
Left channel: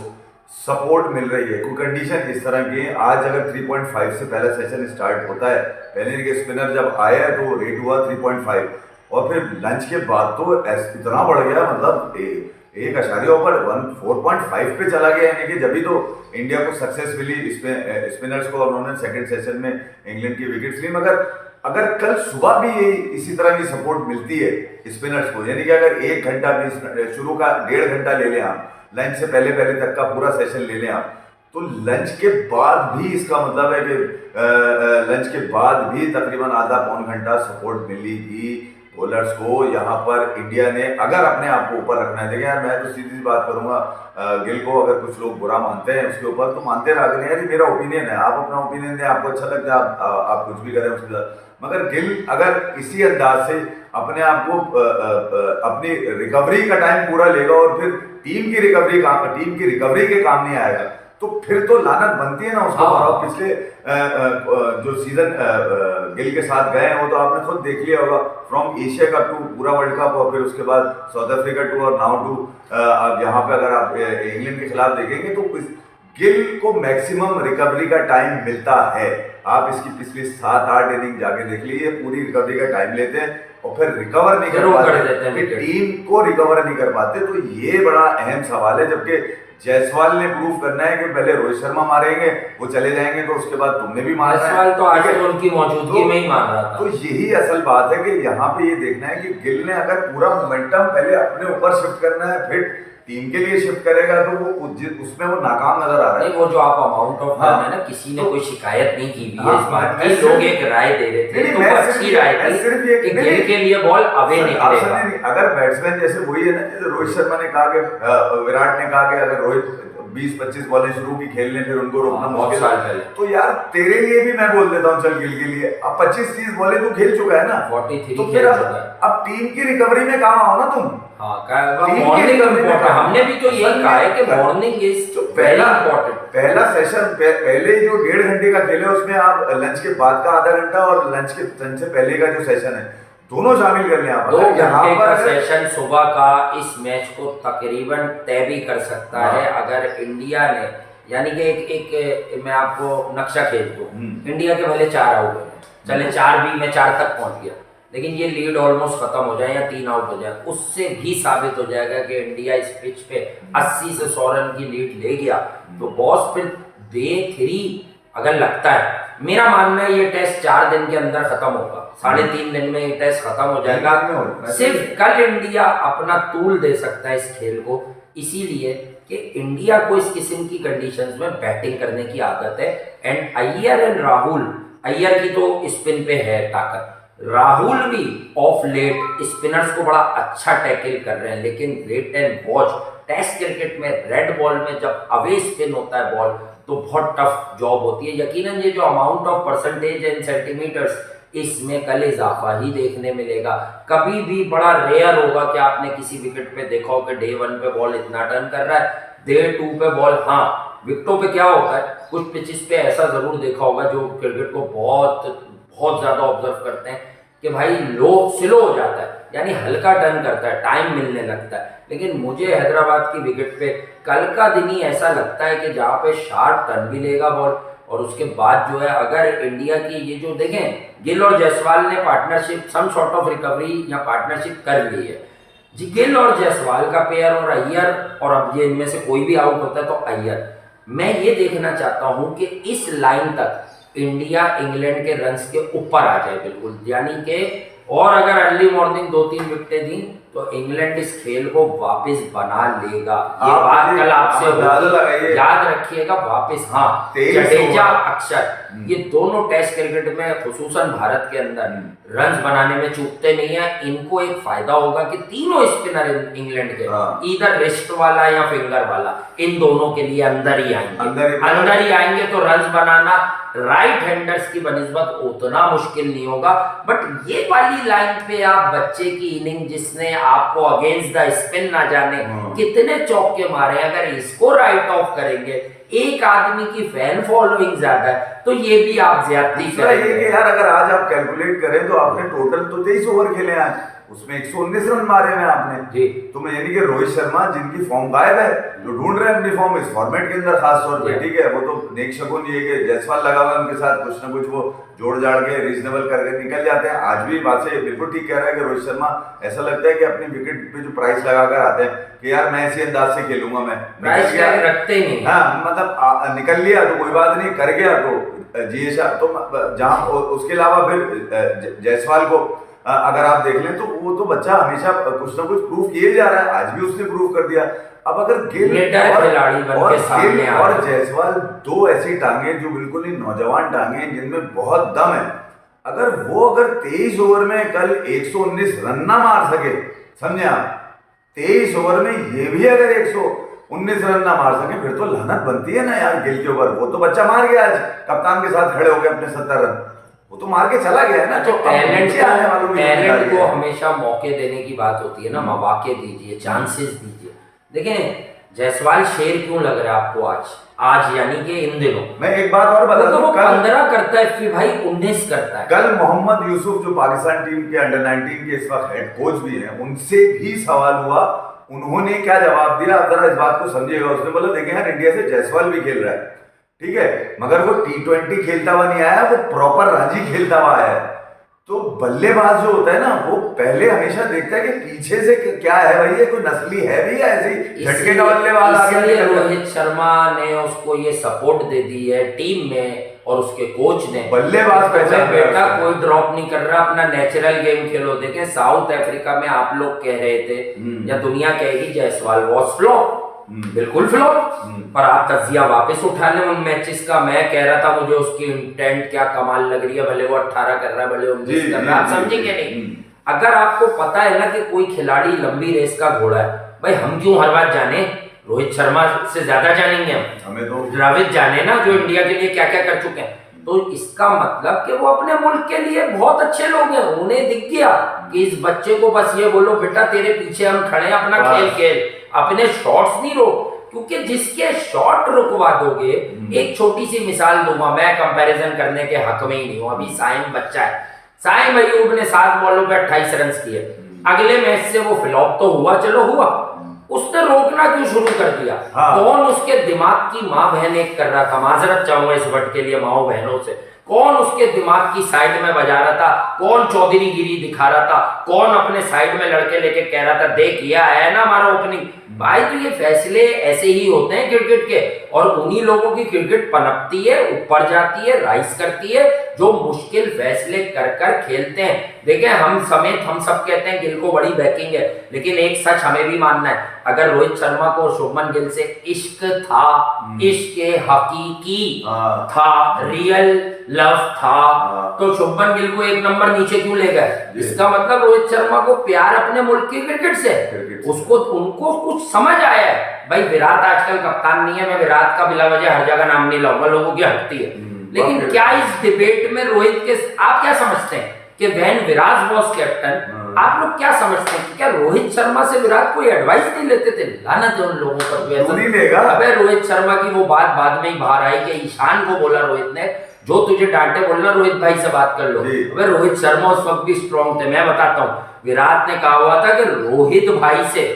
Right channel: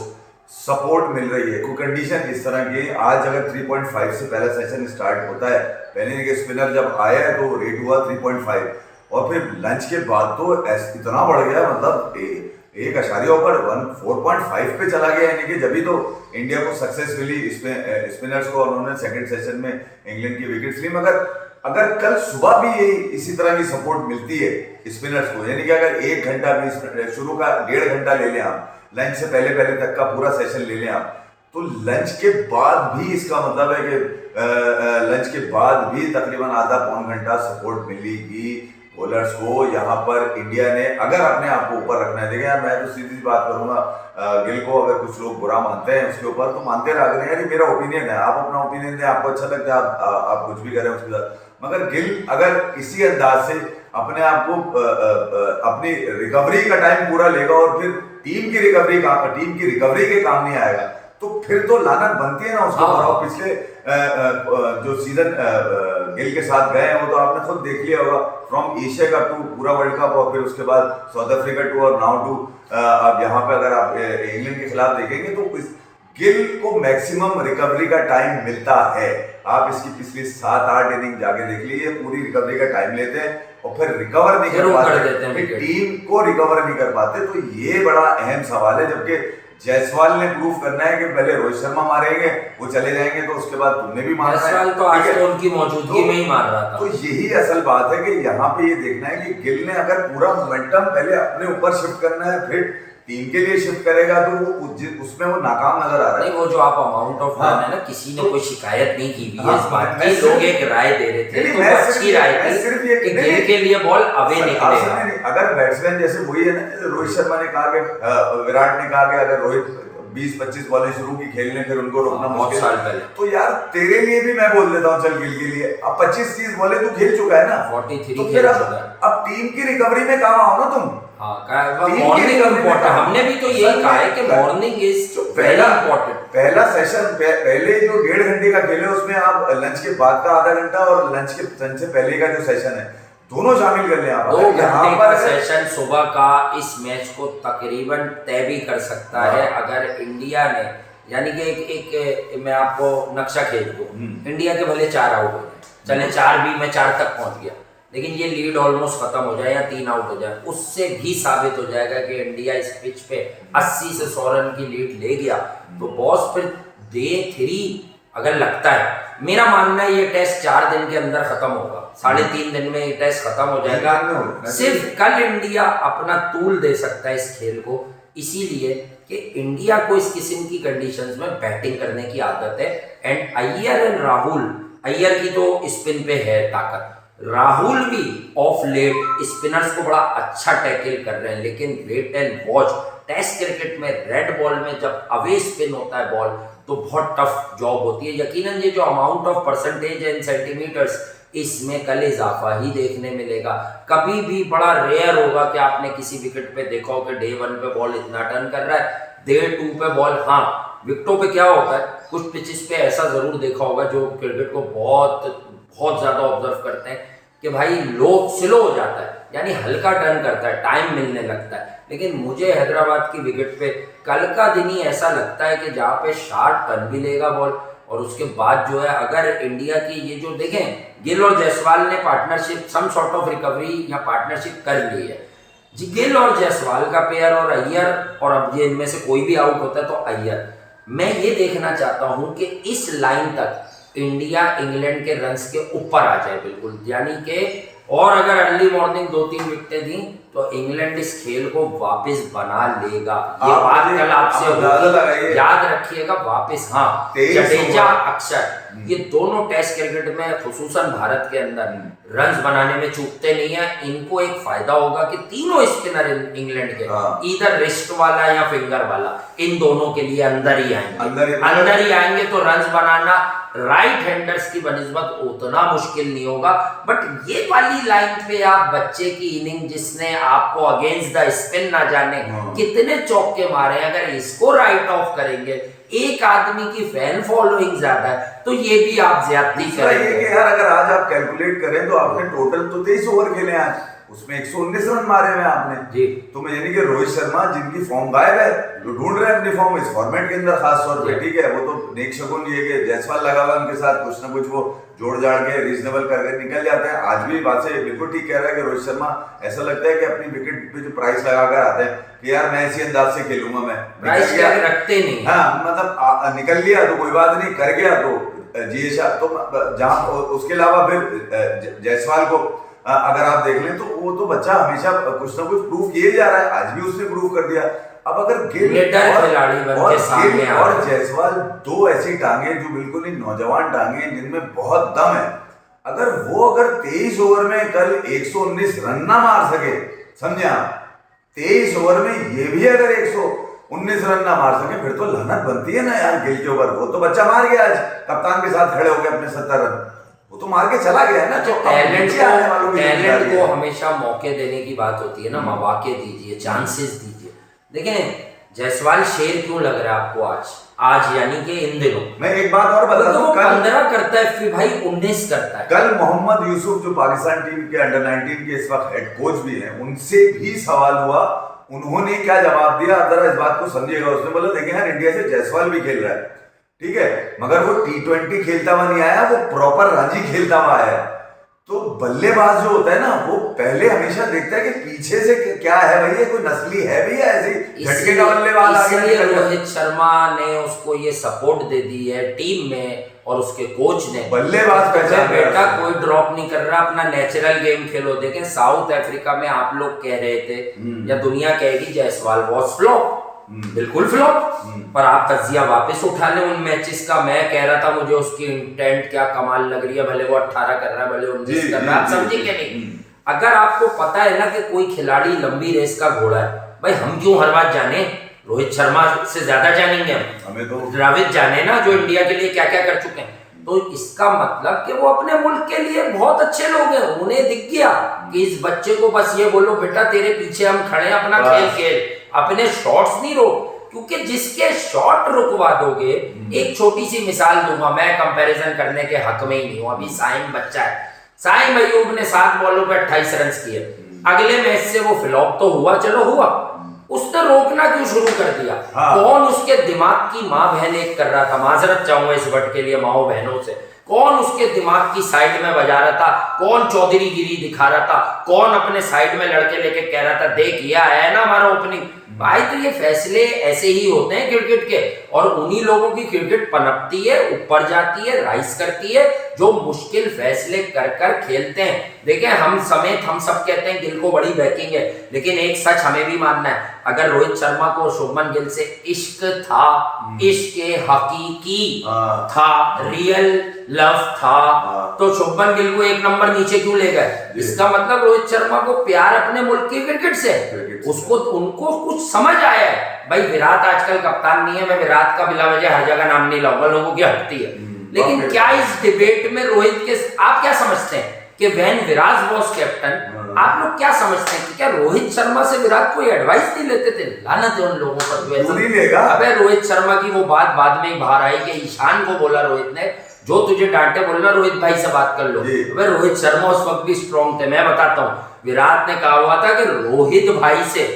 सपोर्ट मिल रही है। कोई कंडीशन इस तरह की, आज अगर 3.5 से पहला सेशन स्टार्ट होता है, पहले के स्पिनर जब आए तो रेट हुआ 3.5, और फिर लंच के बाद तो इतना बढ़ गया, मतलब 1 ऊपर 4.5 पे चला गया। यानी कि जब भी तो इंडिया को सक्सेस मिली स्पिनर्स को, उन्होंने सेकंड सेशन में इंग्लैंड की विकेट्स ली। मगर अगर कल सुबह भी ये इसी तरह की सपोर्ट मिलती है स्पिनर्स को, यानी कि अगर 1 घंटा भी शुरू का 1.5 घंटा ले लें आप, लंच से पहले तक का पूरा सेशन ले लें आप, तो लंच के बाद भी इसका मतलब है कि लंच के बाद भी तकरीबन आधा पौन घंटा सपोर्ट मिलेगी बॉलर्स को। यहाँ पर इंडिया ने अगर अपने आप को ऊपर रखना है, देखिए यार मैं तो सीधी सी बात करूंगा, गिल को अगर कुछ लोग बुरा मानते हैं उसके ऊपर, तो मानते रहा करें यार, ये मेरा ओपिनियन है, आप अपना ओपिनियन दें, आपको अच्छा लगता है आप कुछ भी करें उसके साथ। मगर गिल अगर इसी अंदाज से अपने आप को अपनी रिकवरी का टाइम पूरा लेगा और फिर टीम की रिकवरी के काम नहीं आएगा, तो फिर तो लानत बनती है ना उसको। और पिछले जो सीजन गिल के साथ गए हैं वो तो आपने खुद देख लिया होगा, फ्रॉम एशिया कप टू पूरा वर्ल्ड कप, और फिर उसके बाद साउथ अफ्रीका टू, और नाउ टू अब यहाँ पे अगर आप इंग्लैंड के खिलाफ देखेंगे तो गिल को मैक्सिमम रिकवरी का टाइम मिलता है। आप इसकी पिछली 7-8 इनिंग जाके देख लीजिए, पूरी रिकवरी का टाइम लेते हैं और फिर रिकवर नहीं कर पाते, टीम को रिकवर नहीं कर पाते। तो ये बड़ा अहम सवाल है, जबकि जायसवाल ने प्रूव करना है कि पहले रोहित शर्मा मारेंगे, वो चले जाएंगे, तो उसके बाद तुमने भी मारना है। जायसवाल तो आज तो उनकी मौजूदगी में ही मार रहा था। तो यही असल बात है कि यहाँ पे ये देखना है कि गिल ने अगर पूरा मोमेंटम पहले अपने ऊपर शिफ्ट करना है, फिर टीम के लिए शिफ्ट करेगा, तो वो उसमें वो नाकाम नजर आ रहा है। नहीं, वो जो आप अमाउंट ऑफ रन है ना, किसी ने कोई शिकायत नहीं की हुई है इस बात की, लोग एक राय दे रहे थे, तो वो अच्छी राय थी कि गिल के लिए बॉल अवे निकलेगा। अगर बैट्समैन जैसे वही है ना, रोहित शर्मा ने कहा कि विराट ने कहा कि अगर रोहित 20-25 बॉलें शुरू की खेलने, फिर उनको रोकना बहुत साल पहले, तो यार तेरे लिए भी मैं बोल देता हूँ, चल गिल के लिए अब 25-30 बॉलें तू खेल चुका है ना, 43 तो फिर अब टीम की रिकवरी में काम आओ ना तुम। हाँ, मॉर्निंग इम्पोर्टेंट, हमने भी तो यही कहा है कि मॉर्निंग इज वेरी इम्पोर्टेंट। पहला सेशन पहले जो 1.5 घंटे का खेल है उसमें आप लंच के बाद का आधा घंटा और लंच से पहले का जो सेशन है दोनों शामिल कर लें आप। 2 घंटे का सेशन सुबह का इस मैच को तकरीबन तय भी कर सकता है अगर इंडिया ने, यानी कि एक मैं आपको नक्शा खींच दूं, इंडिया के भले 4 आउट हो जाए, चले 4 भी मैं 4 तक पहुंच गया, लेकिन ये लीड ऑलमोस्ट खत्म हो जाए या 3 आउट हो जाए, उससे भी साबित हो जाएगा कि इंडिया इस पिच पे 80 से 100 रन की लीड ले गया। तो बॉस फिर डे 3 अगर लगता है, मेरा मानना है ये टेस्ट 4 दिन के अंदर खत्म होगा, 3.5 दिन में ये टेस्ट खत्म हो जाएगा। सिर्फ कल इंडिया अपना तूल दे सकता है इस खेल को, इसीलिए कि इंडिया को इस किस्म की कंडीशंस में बैटिंग करने की आदत है। एंड अय्यर एंड राहुल, अय्यर की तो स्पिन पे है ताकत, राहुल भी ऑफ लेट स्पिनर्स को बड़ा अच्छा टैकल कर रहे हैं, लेकिन wait and watch. Test cricket में रेड बॉल में जब अवे स्पिन होता है बॉल तो बहुत टफ जॉब होती है। यकीनन ये जो अमाउंट ऑफ परसेंटेज है इन सेंटीमीटर्स, इसमें कल इजाफा ही देखने मिलेगा। कभी भी बड़ा रेयर होगा कि आपने किसी विकेट पे देखा हो कि डे 1 पे बॉल इतना टर्न कर रहा है, डे 2 पे बॉल, हाँ विकेटों पे क्या होता है, कुछ पिचेस पे ऐसा जरूर देखा होगा जो क्रिकेट को बहुत ज्यादा ऑब्जर्व करते हैं कि भाई स्लो हो जाता है, यानी हल्का टर्न करता है, टाइम मिलने लगता है। लेकिन मुझे हैदराबाद की विकेट पे कल का दिन ही ऐसा लगता है कि जहाँ पे शार्प टर्न भी लेगा बॉल, और उसके बाद जो है अगर इंडिया की ये जो देखें गिल और जायसवाल ने partnership, some sort of recovery या पार्टनरशिप कर ली है जी, गिल और जायसवाल का पेयर और अय्यर, और अब ये इनमें से कोई भी आउट होता है तो अय्यर। मैं ये देखना चाहता हूं कि इस लाइन तक इंडिया इंग्लैंड के रन्स के ऊपर आ जाए बिल्कुल, यानी कि, और अगर अर्ली मॉर्निंग 2-3 विकेटें दी तो इंग्लैंड इस खेल को वापस बना लेगा। ये बात कल आपसे होगी, याद रखिएगा वापस। हाँ, जडेजा अक्षर ये दोनों टेस्ट क्रिकेट में खुसूसन भारत के अंदर रन्स बनाने में चूकते नहीं है। इनको एक फायदा होगा कि तीनों स्पिनर इंग्लैंड के इधर रिस्ट वाला या फिंगर वाला, इन दोनों के लिए अंदर ही आएंगे तो रन्स बनाना राइट हैंडर्स की बनिस्बत उतना मुश्किल नहीं होगा। बट ये वाली लाइन पे आप बच्चे की इनिंग जिसने आपको अगेंस्ट द स्पिन ना जाने कितने चौके मारे, अगर इसको राइट ऑफ करेंगे, एक आदमी की फैन फॉलोइंग ज्यादा है तो ये भी आप ज्यादती करेंगे। यार अगर आज आप कैलकुलेट करें तो आपने टोटल तो 23 ओवर खेले हैं, उसमें 119 रन मारे हुए आपने जी। तो मैं यानी कि रोहित शर्मा जिनकी फॉर्म गायब है, जो ढूंढ रहे हैं अपनी फॉर्म इस फॉर्मेट के अंदर खास तौर पे, ठीक है, वो तो नेक शगुन ये कि जायसवाल लगा हुआ उनके साथ कुछ ना कुछ वो जोड़ जाड़ के रीजनेबल करके निकल जाते हैं। आज भी बात से बिल्कुल ठीक कह रहा है कि रोहित शर्मा ऐसा लगता है कि अपनी विकेट पे जो प्राइस लगा कर आते हैं कि यार मैं इसी अंदाज से खेलूंगा, मैं प्राइस टैग रखते नहीं। हाँ, मतलब निकल लिया तो कोई बात नहीं, कर गया तो जी तो जहाँ उसके अलावा फिर जायसवाल को अगर आप देख लें तो वो तो बच्चा हमेशा कुछ ना कुछ प्रूफ किए जा रहा है, आज भी उसने प्रूफ कर दिया। अब अगर गिल और जायसवाल दो ऐसी टांगे जो बिल्कुल ही नौजवान टांगे जिनमें बहुत दम है, अगर 23 ओवर में कल 119 रन ना मार सके, समझे आप, 23 ओवर में ये भी अगर 119 रन ना मार सके फिर तो लानत बनती है ना यार गिल के ऊपर। वो तो बच्चा मार गया आज, कप्तान के साथ खड़े हो गए अपने 70 रन, वो तो मार के चला गया है ना। तो टैलेंट को हमेशा मौके देने की बात होती है ना, मौके दीजिए, चांसेस दीजिए। देखें जायसवाल शेर क्यों लग रहा है आपको आज यानी कि इन दिनों? मैं एक बात और बता दूं, 15 करता है फिर भाई 19 करता है। कल मोहम्मद यूसुफ जो पाकिस्तान टीम के अंडर 19 के इस वक्त हेड कोच भी हैं, उनसे भी सवाल हुआ, उन्होंने क्या जवाब दिया आप जरा इस बात को समझिएगा। उसने बोला देखें यार इंडिया से जायसवाल भी खेल रहा है, ठीक है, मगर वो T20 खेलता हुआ नहीं आया, वो प्रॉपर रणजी खेलता हुआ आया है। तो बल्लेबाज जो होता है ना वो पहले हमेशा देखता है कि पीछे से क्या है भाई, ये कोई नस्ली है भी, ऐसी झटके का बल्लेबाज आ गया। इसलिए रोहित शर्मा ने उसको ये सपोर्ट दे दी है टीम में और उसके कोच ने, बल्लेबाज बेटा कोई ड्रॉप नहीं कर रहा, अपना नेचुरल गेम खेलो। देखें साउथ अफ्रीका में आप लोग कह रहे थे या दुनिया कहेगी जायसवाल वॉज फ्लॉप, बिल्कुल फ्लॉप, पर आप तजिया वापस उठा लें उन मैचेस का। मैं कह रहा था मुझे उसकी इंटेंट क्या कमाल लग रही है, भले वो 18 कर रहा है, भले 19 कर रहा है, आप समझेंगे नहीं। अगर आपको पता है ना कि कोई खिलाड़ी लंबी रेस का घोड़ा है, भाई हम क्यों हर बात जाने, रोहित शर्मा से ज्यादा जानेंगे हमें तो द्रविड़ जाने ना जो इंडिया के लिए क्या क्या कर चुके हैं। तो इसका मतलब कि वो अपने मुल्क के लिए बहुत अच्छे लोग हैं, उन्हें दिख गया कि इस बच्चे को बस ये बोलो बेटा तेरे पीछे हम खड़े हैं, अपना खेल खेल, अपने शॉट्स नहीं रोक, क्योंकि जिसके शॉट रुकवा दोगे। एक छोटी सी मिसाल दूंगा, मैं कंपैरिजन करने के हक में ही नहीं हूं। अभी साइम बच्चा है, साइम अयूब ने 7 बॉलों पे 28 रन किए, अगले मैच से वो फ्लॉप तो हुआ, चलो हुआ, उसने रोकना क्यों शुरू कर दिया? कौन उसके दिमाग की माँ बहन एक कर रहा था, माजरत चाहूंगा इस वर्ड के लिए माओ बहनों से, कौन उसके दिमाग की साइड में बजा रहा था, कौन चौधरी गिरी दिखा रहा था, कौन अपने साइड में लड़के लेके कह रहा था देख ये आया है ना हमारा ओपनिंग। भाई तो ये फैसले ऐसे ही होते हैं क्रिकेट के, और उन्हीं लोगों की क्रिकेट पनपती है, ऊपर जाती है, राइज करती है, जो मुश्किल फैसले कर कर खेलते हैं। देखिए हम समेत हम सब कहते हैं गिल को बड़ी बैकिंग है, लेकिन एक सच हमें भी मानना है, अगर रोहित शर्मा को शुभमन गिल से इश्क था, इश्क हकीकी था, रियल लव था, तो शुभमन गिल को 1 नंबर नीचे क्यों ले गए? इसका मतलब रोहित शर्मा को प्यार अपने मुल्क की क्रिकेट से, उसको उनको कुछ समझ आया है। भाई विराट आजकल कप्तान नहीं है, मैं विराट का बिला वजह हर जगह नाम नहीं लाऊंगा, लोगों की हटती है, लेकिन क्या इस डिबेट में रोहित के आप क्या समझते हैं कि व्हेन विराट वाज कैप्टन, आप लोग क्या समझते हैं कि क्या रोहित शर्मा से विराट कोई एडवाइस नहीं लेते थे? लानत है उन लोगों पर जो ऐसा। अबे रोहित शर्मा की वो बात बाद में ही बाहर आई कि ईशान को बोला रोहित ने, जो तुझे डांटे बोलना रोहित भाई से बात कर लो। अबे रोहित शर्मा उस वक्त भी स्ट्रॉन्ग थे, मैं बताता हूँ, विराट ने कहा हुआ था कि रोहित भाई से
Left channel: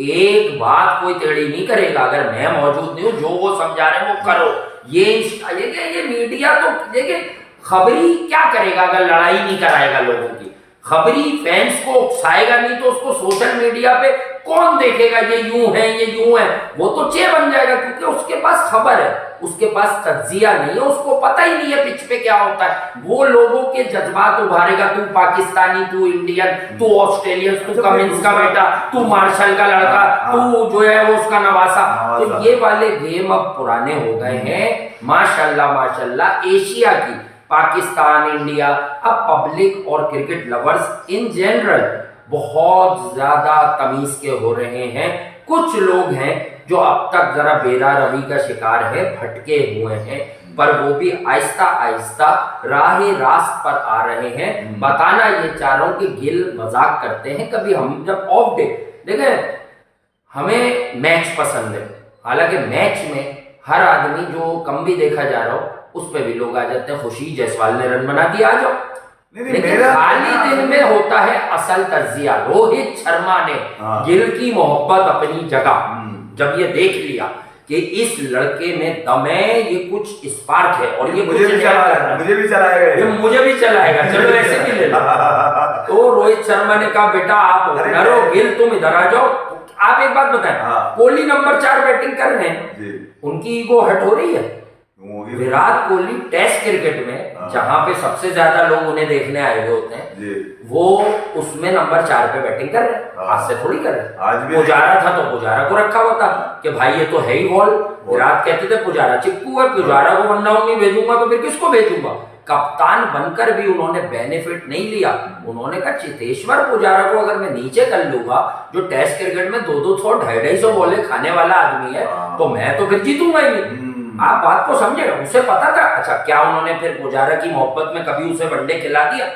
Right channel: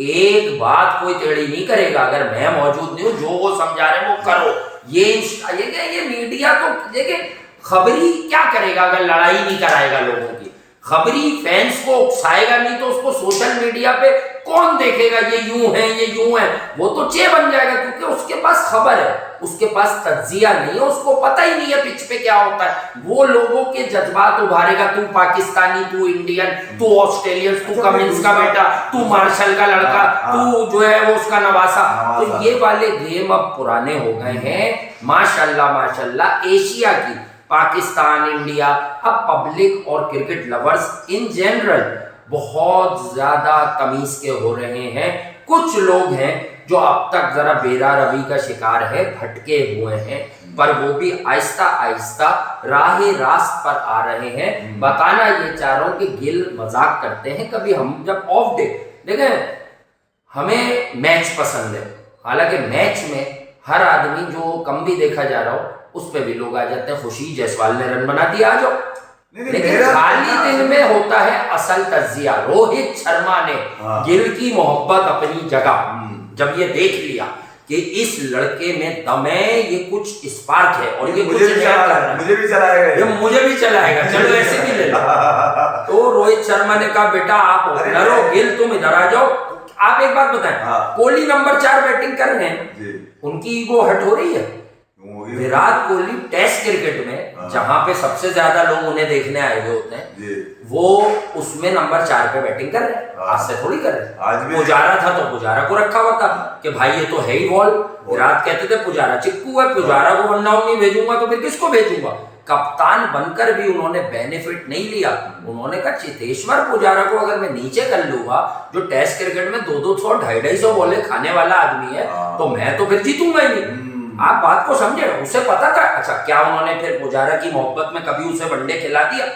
एक बात कोई टेढ़ी नहीं करेगा, अगर मैं मौजूद नहीं हूं, जो वो समझा रहे वो करो। ये मीडिया तो देखिए खबरी क्या करेगा अगर लड़ाई नहीं कराएगा लोगों की, खबरी फैंस को उकसाएगा नहीं तो उसको सोशल मीडिया पे कौन देखेगा, ये यूं है ये यूं है, वो तो चे बन जाएगा, क्योंकि उसके पास खबर है, उसके पास तज्जिया नहीं है, उसको पता ही नहीं है पिच पे क्या होता है। वो लोगों के जज्बात उभारेगा, तू पाकिस्तानी, तू इंडियन, तू ऑस्ट्रेलियन, तू कमिंस का बेटा, तू मार्शल का लड़का, तू जो है वो उसका नवासा। तो ये वाले गेम अब पुराने हो गए हैं। माशाल्लाह माशाल्लाह एशिया की, पाकिस्तान, इंडिया, अब पब्लिक और क्रिकेट लवर्स इन जनरल बहुत ज्यादा तमीज के हो रहे हैं। कुछ लोग हैं जो अब तक जरा बेरा रवि का शिकार है, भटके हुए हैं, पर वो भी आहिस्ता आहिस्ता राह रास्त पर आ रहे हैं। बताना ये चाह रहा हूं कि गिल मजाक करते हैं कभी, हम जब ऑफ डे देखें, हमें मैच पसंद है, हालांकि मैच में हर आदमी जो कम भी देखा जा रहा हो उस पर भी लोग आ जाते हैं, खुशी जायसवाल ने रन बना दिया, आ जाओ। लेकिन खाली दिन में होता है असल तज्जिया। रोहित शर्मा ने गिल की मोहब्बत अपनी जगह जब ये देख लिया कि इस लड़के में दम है, ये कुछ स्पार्क है और ये कुछ नया कर रहा है, मुझे भी चलाएगा, ये मुझे भी चलाएगा, चलो ऐसे भी ले लो। तो रोहित शर्मा ने कहा बेटा आप ओपनर हो, गिल तुम इधर आ जाओ। आप एक बात बताएं, कोहली नंबर 4 बैटिंग कर रहे हैं, उनकी ईगो हट हो रही है। विराट कोहली टेस्ट क्रिकेट में जहां पे सबसे ज्यादा लोग उन्हें देखने आए हुए होते हैं, वो उसमें नंबर 4 पे बैटिंग कर रहे हैं, आज से थोड़ी कर रहे हैं। पुजारा था तो पुजारा को रखा हुआ था कि भाई ये तो है ही बॉल। विराट कहते थे पुजारा चिक्कू है, पुजारा को 1 डाउन नहीं भेजूंगा तो फिर किसको भेजूंगा? कप्तान बनकर भी उन्होंने बेनिफिट नहीं लिया। उन्होंने कहा चेतेश्वर पुजारा को अगर मैं नीचे कर लूंगा, जो टेस्ट क्रिकेट में 200 250 बॉलें खाने वाला आदमी है, तो मैं तो फिर जीतूंगा ही नहीं। आप बात को समझे, उसे पता था। अच्छा क्या उन्होंने फिर पुजारा की मोहब्बत में कभी उसे वनडे खिला दिया?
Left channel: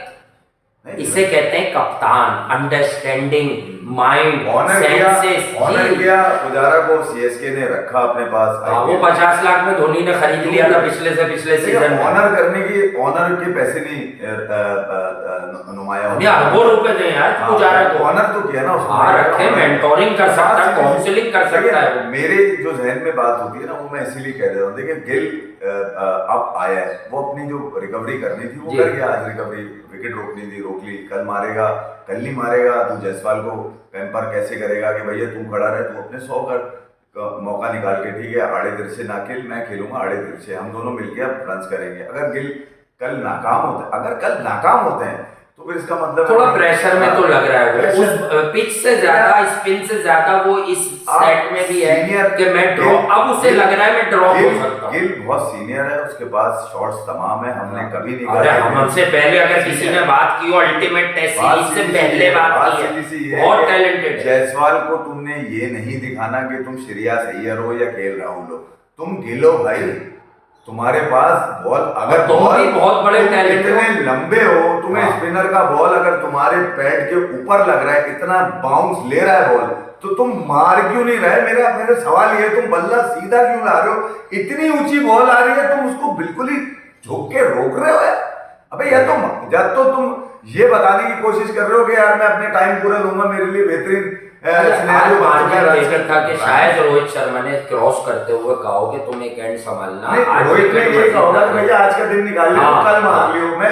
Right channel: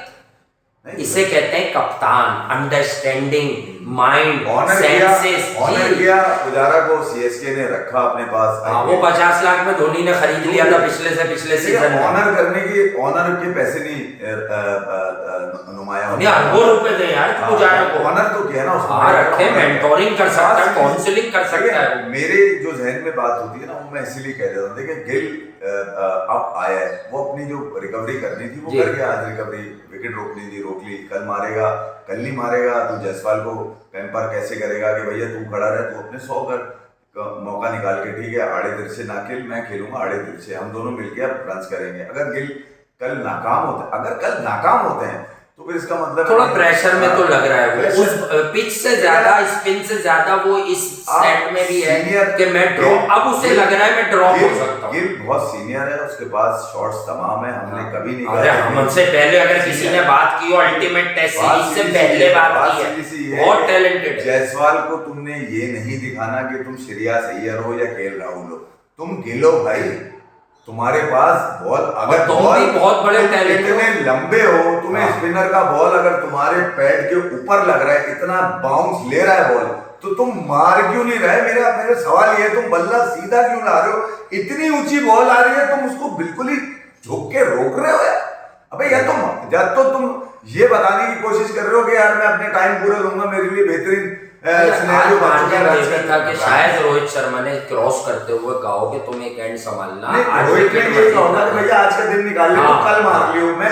इसे कहते हैं कप्तान, अंडरस्टैंडिंग, माइंड, सेंसेस। ऑनर किया पुजारा को, सीएसके ने रखा अपने पास। वो 50 लाख में धोनी ने खरीद लिया था पिछले से पिछले सीजन में। ऑनर करने की, ऑनर के पैसे नहीं नुमाया, अरबों रुपए दें यार पुजारा को। ऑनर तो किया ना उसको, रखे, मेंटोरिंग कर सकता है, काउंसलिंग कर सकता है। मेरे जो जहन में बात होती है ना, वो मैं इसीलिए कह रहा हूँ, देखिए गिल अब आया है, वो अपनी जो रिकवरी करनी थी वो कर गया। आज रिकवरी, विकेट रोकनी थी रोक ली, कल मारेगा, कल नहीं मारेगा तो जायसवाल को पैम्पर कैसे करेगा कि भैया तू खड़ा रहे, तू अपने 100 कर मौका निकाल के, ठीक है आड़े दिल से ना खेल, मैं खेलूंगा आड़े दिल से, हम दोनों मिलके अब रन करेंगे। अगर गिल कल नाकाम होते, अगर कल नाकाम होते हैं तो फिर इसका मतलब थोड़ा प्रेशर में तो लग रहा है वो, उस पिच से ज्यादा, स्पिन से ज्यादा वो इस सेट में भी है कि मैं ड्रॉप, अब उसे लग रहा है मैं ड्रॉप हो सकता हूं। गिल बहुत सीनियर है, उसके पास शॉट्स तमाम है, हमने कभी नहीं अरे हमसे पहले अगर किसी ने बात की हो, अल्टीमेट टेस्ट सीरीज से पहले बात की है, बहुत टैलेंटेड है। जायसवाल को तुमने ये नहीं दिखाना कि तुम श्रेयस अय्यर हो या केएल राहुल हो, तुम गिल हो भाई, तुम्हारे पास बॉल अगर तुम बॉल भी बहुत बड़े टैलेंट हो, इतने लंबे हो, तुम्हें हाँ। स्पिनर का बॉल अगर तुम्हारे पैड के ऊपर लग रहा है, इतना बाउंस ले रहा है बॉल, तो तुम मार क्यों नहीं रहे? मेरा सवाल ये है, तुम बल्ला सीधा क्यों ला रहे हो? इतनी ऊंची बॉल आ रही है, तुम उसको बिल्कुल ही झुक के रोक रहे हो यार। अबे या तुम ये बताने की कोशिश कर रहे हो कि यार मैं अपने टाइम पूरा लूंगा, मेरे लिए बेहतरीन आज सिनेरियो बन चुका है मार्जिन रन देखा था कि का। शायद रोहित शर्मा ने क्रॉस करते हुए कहा कि तुम एक एंड संभालना, नहीं, आज रोहित ने विकेट ये मत कहा होगा कि लेना, भैया आज का दिन निकाल लियो, हाँ, तो कल मार हाँ। लियो। मैं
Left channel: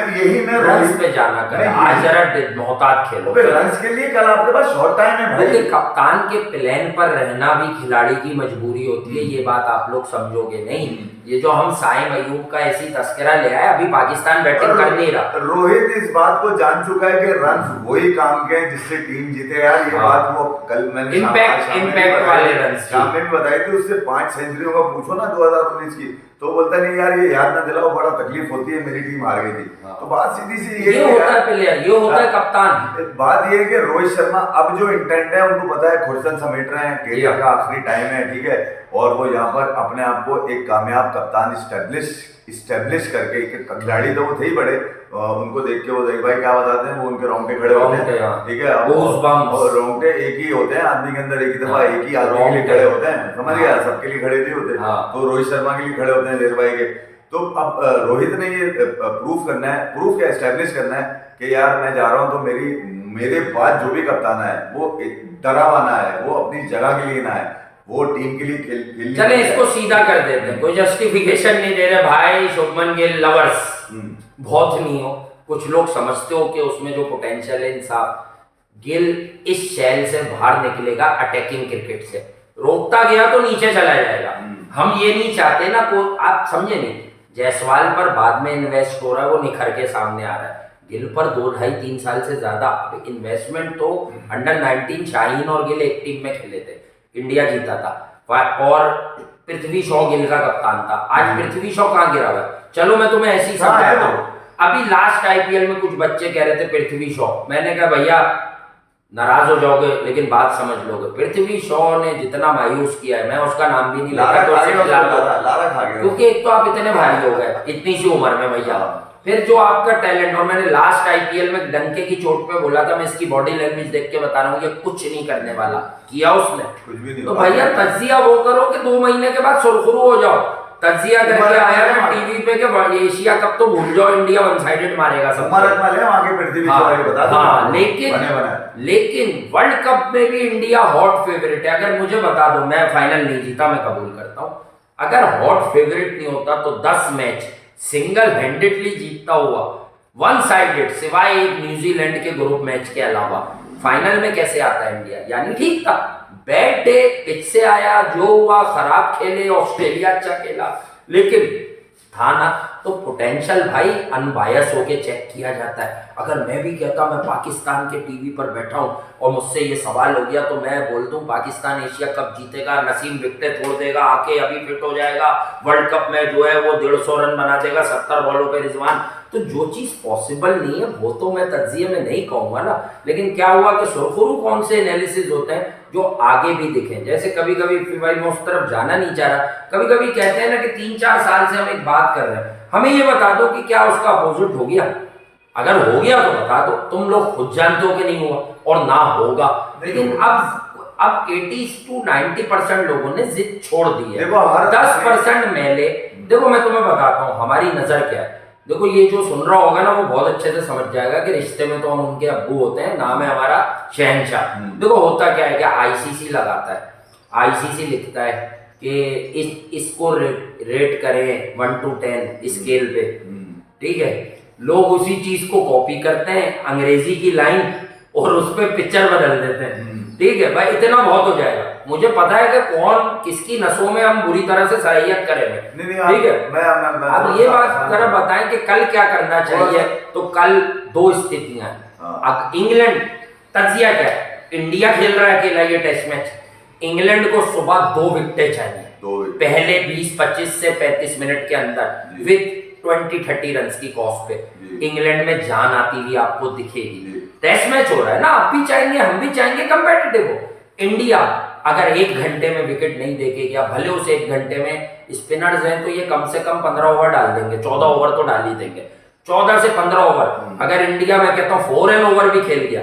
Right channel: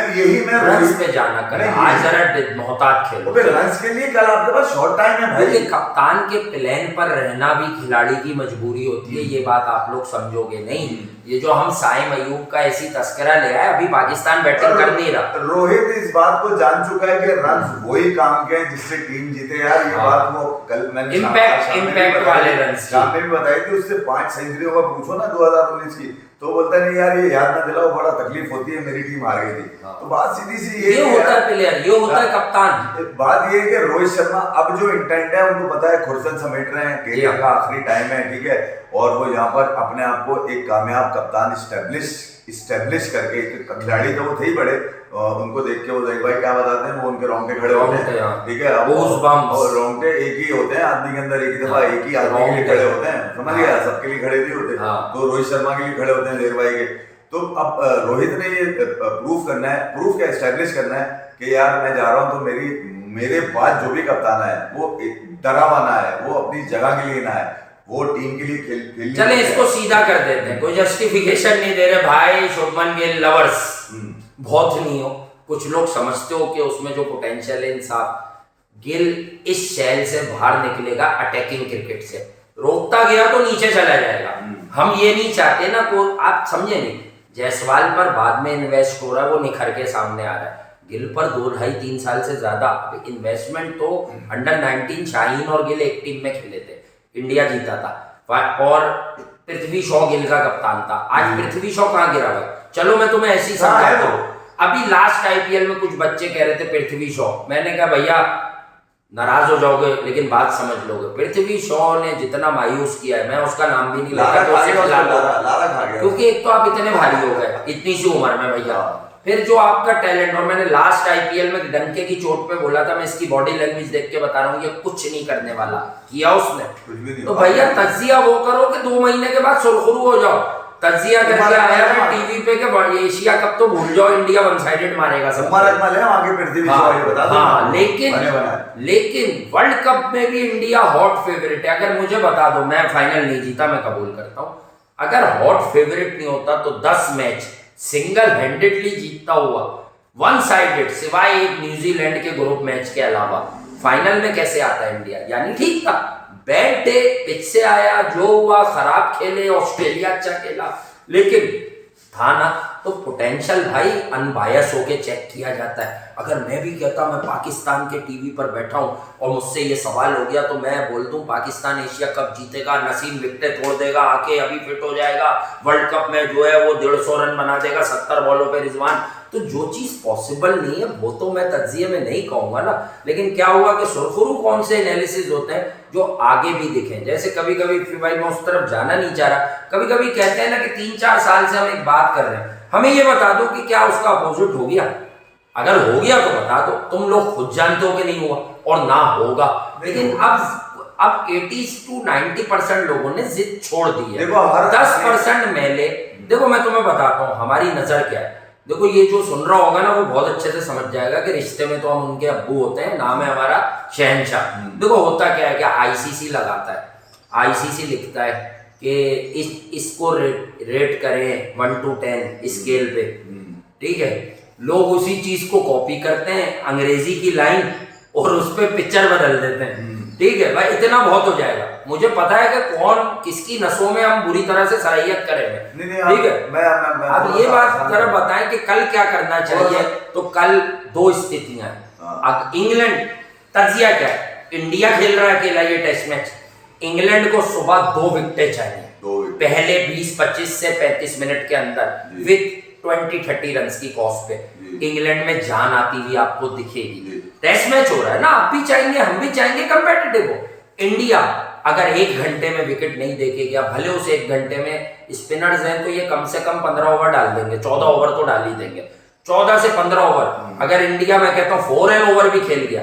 रन्स रोहित पे जाना कर, मैं आज यही- जरा मोहतात खेलो। अबे रन्स के लिए कल आपके पास शॉर्ट टाइम है भाई। क्योंकि कप्तान के प्लेन पर रहना भी खिलाड़ी की मजबूरी होती है, ये बात आप लोग समझोगे नहीं। ये जो हम साइम अयूब का ऐसी तस्करा ले आए, अभी पाकिस्तान बैटिंग कर नहीं रहा। रोहित इस बात को जान चुका है कि रन्स वही काम के हैं जिससे टीम जीते यार। ये हाँ। बात वो कल मैंने इम्पैक्ट वाले रन्स शाम में भी बताई थी, उससे 5 सेंचुरियों का पूछो ना 2019 की, तो बोलता नहीं यार ये याद ना दिलाओ, बड़ा तकलीफ होती है, मेरी टीम हार गई थी। हाँ। तो बात सीधी सी ये होता है प्लेयर, ये होता है कप्तान। बात ये है कि रोहित शर्मा अब जो इंटेंट है उनको पता है, खुरसन समेट रहे हैं, कैरियर का आखिरी टाइम है, ठीक है, और वो यहाँ पर अपने आप को एक कामयाब कप्तान इस्टेब्लिश करके, एक खिलाड़ी तो वो थे ही बड़े, उनको देख के वो भाई क्या बताते हैं, वो उनके रोंगटे खड़े होते हैं, ठीक है, और रोंगटे एक ही होते हैं आदमी के अंदर, एक ही दफा एक ही आदमी के लिए खड़े होते हैं, समझ गया, सबके लिए खड़े नहीं होते। तो रोहित शर्मा के लिए खड़े होते हैं देर भाई के। तो अब रोहित ने ये प्रूफ क्या एस्टेब्लिश करना है कि यार मैं जा रहा हूँ, तो मेरे बाद जो भी कप्तान है वो डरावाना है, वो अपनी जगह के लिए ना है, वो टीम के लिए खेलने। चले इसको सीधा कर देते हैं, कोई जस्टिफिकेशन नहीं दे रहे भाई। शुभमन गिल लवर्स बहुत नहीं हो, कुछ लोग समझते हो कि उसमें जो पोटेंशियल है, इंसाफ गिल इस शैल से बाहर निकलेगा अटैकिंग क्रिकेट से, रोकता गया तो नीचे चला जाएगा। हम ये नहीं चाहते ना, को आप समझे नहीं। जायसवाल पर बाद में इन्वेस्ट हो रहा है, वो निखर के सामने आ रहा है। गिल पर 2-2.5-3 साल से ज्यादा इन्वेस्टमेंट तो अंडर 19 शाहीन और गिल एक टीम में खेले थे, इंडिया जीता था, और पृथ्वी शॉ गिल का कप्तान था। आज पृथ्वी शॉ कहाँ गिरा हुआ? चलो मैं तुम्हें ऐसे ही समझाता हूँ। अभी लास्ट आईपीएल में कुछ बच्चे कह रहे थे पृथ्वी शॉ, मैंने कहा भैया नाराज हो जाओगे लेकिन बात समझ लोगे। पृथ्वी शॉ ने जितना मायूस किया है, मैं उसका नाम भी नहीं लेता क्योंकि एक तो आप इतने भारी हो गए इतनी सी उम्र में भैया, फिर जो आपका टैलेंट, और मैंने लास्ट आईपीएल में डंके की चोट पे बोला था, मैं इसकी बॉडी लैंग्वेज देख के बता रहा हूँ, ये कुछ नहीं करने वाला, किया उसने कुछ भी नहीं। तो भैया तजिया वो करो कि 2 महीने के बाद सुरखुरू हो जाओ। तजिया करके आया मैं टीवी पे कि एशिया कप तो भूल जाओ, इंडिया वन साइडेड मारेगा सब। हाँ, लेकिन वर्ल्ड कप में भी इंडिया हॉट फेवरेट है। अगर मुझे बता दो, मैं फाइनल नहीं जीता, मैं कबूल करता हूँ, अगर हॉट फेवरेट नहीं होता तो 10 मैच सिंगल हैंडेडली जीतता हुआ, वन साइडेड, सिवाय एक न्यूजीलैंड के ग्रुप मैच के अलावा, फाइनल में कैसे आता है इंडिया? यानी ठीक था, बैड डे, पिच से आया, जो हुआ खराब खेले, ऑस्ट्रेलिया अच्छा खेला, लेकिन था ना। तो पोटेंशियल भाई अनबायस होके चेक किया जाता है। अगर मैं भी कहता मैं पाकिस्तान के टीवी पर बैठा हूं और मुझसे ये सवाल हो गया तो मैं बोल दूं पाकिस्तान एशिया कप जीतेगा, नसीम विकेट तोड़ देगा, आके अभी फिट हो जाएगा, वर्ल्ड कप में जो है वो 150 रन बना देगा 70 बॉलों पे रिजवान। तो जो चीज पॉसिबल नहीं है वो तो मैं तज्जिए में नहीं कहूंगा ना। लेकिन क्या हुआ कि सुरखुरू कौन से एनालिसिस होते हैं जो आगे भी दिखें। जैसे कभी कभी भाई मैं उस तरफ जाना नहीं चाह रहा, कभी कभी कहते हैं ना कि 3-4 साल से हम एक बात कर रहे हैं, हमें ये बता दो कि क्या उसका अपोजिट हो गया। अगर हो गया तो बता दो, तुम लोग खुद जानते हो कि नहीं हुआ और ना होगा। लेकिन अब 80 to 90% लोगों ने जिद छोड़ दी है, 10% मैले। देखो मैं तुम्हें बताता हूँ हमारी नजर क्या है। देखो ये जो सुन रहा होगा ना वो बहुत अच्छे से समझ जाएगा कि रिश्ते में तो हम उनके अब्बू होते हैं, नाम है हमारा शहनशाह। देखो होता क्या है कि आईसीसी लगाता है, आईसीसी लिखता है कि इसको रेट करें 1 to 10 स्केल पे, ठीक है। लोग उसी चीज को कॉपी करते हैं, अंग्रेजी की लाइन, और उस पर पिक्चर बदल देते हैं, ठीक है भाई। इतना बहुत हो जाएगा, मुझे पता है कि कौन किसकी नसों में हम बुरी तरह से सराहियत करेंगे, ठीक है। अब ये बात जरा बताएं कि कल क्या करना चाहिए। तो कल 2 स्थितियां हैं। इंग्लैंड, तजिया क्या है, इंडिया खेल रहा है अकेला ये टेस्ट मैच, इंग्लैंड को सुबह 2 विकेटें चाहिए पहले 20-25 से 35 मिनट के अंदर विथ 20-30 रन की कॉस्ट पे। इंग्लैंड में जान आती हुई आपको दिखेगी। टेस्ट मैच हो रहा है ना, आप भी चाहेंगे, हम भी चाहेंगे कंपेटिटिव हो। इंडिया अगर 1 घंटे में विकेट नहीं देके गया, भले उस 1 घंटे में स्पिनर्स हैं तो ये कम से कम 15 ओवर डाल देंगे, 14 ओवर तो डाल ही देंगे, 14 से 15 ओवर। अगर इंडिया में कहता हूँ 4 ओवर भी खेल गया,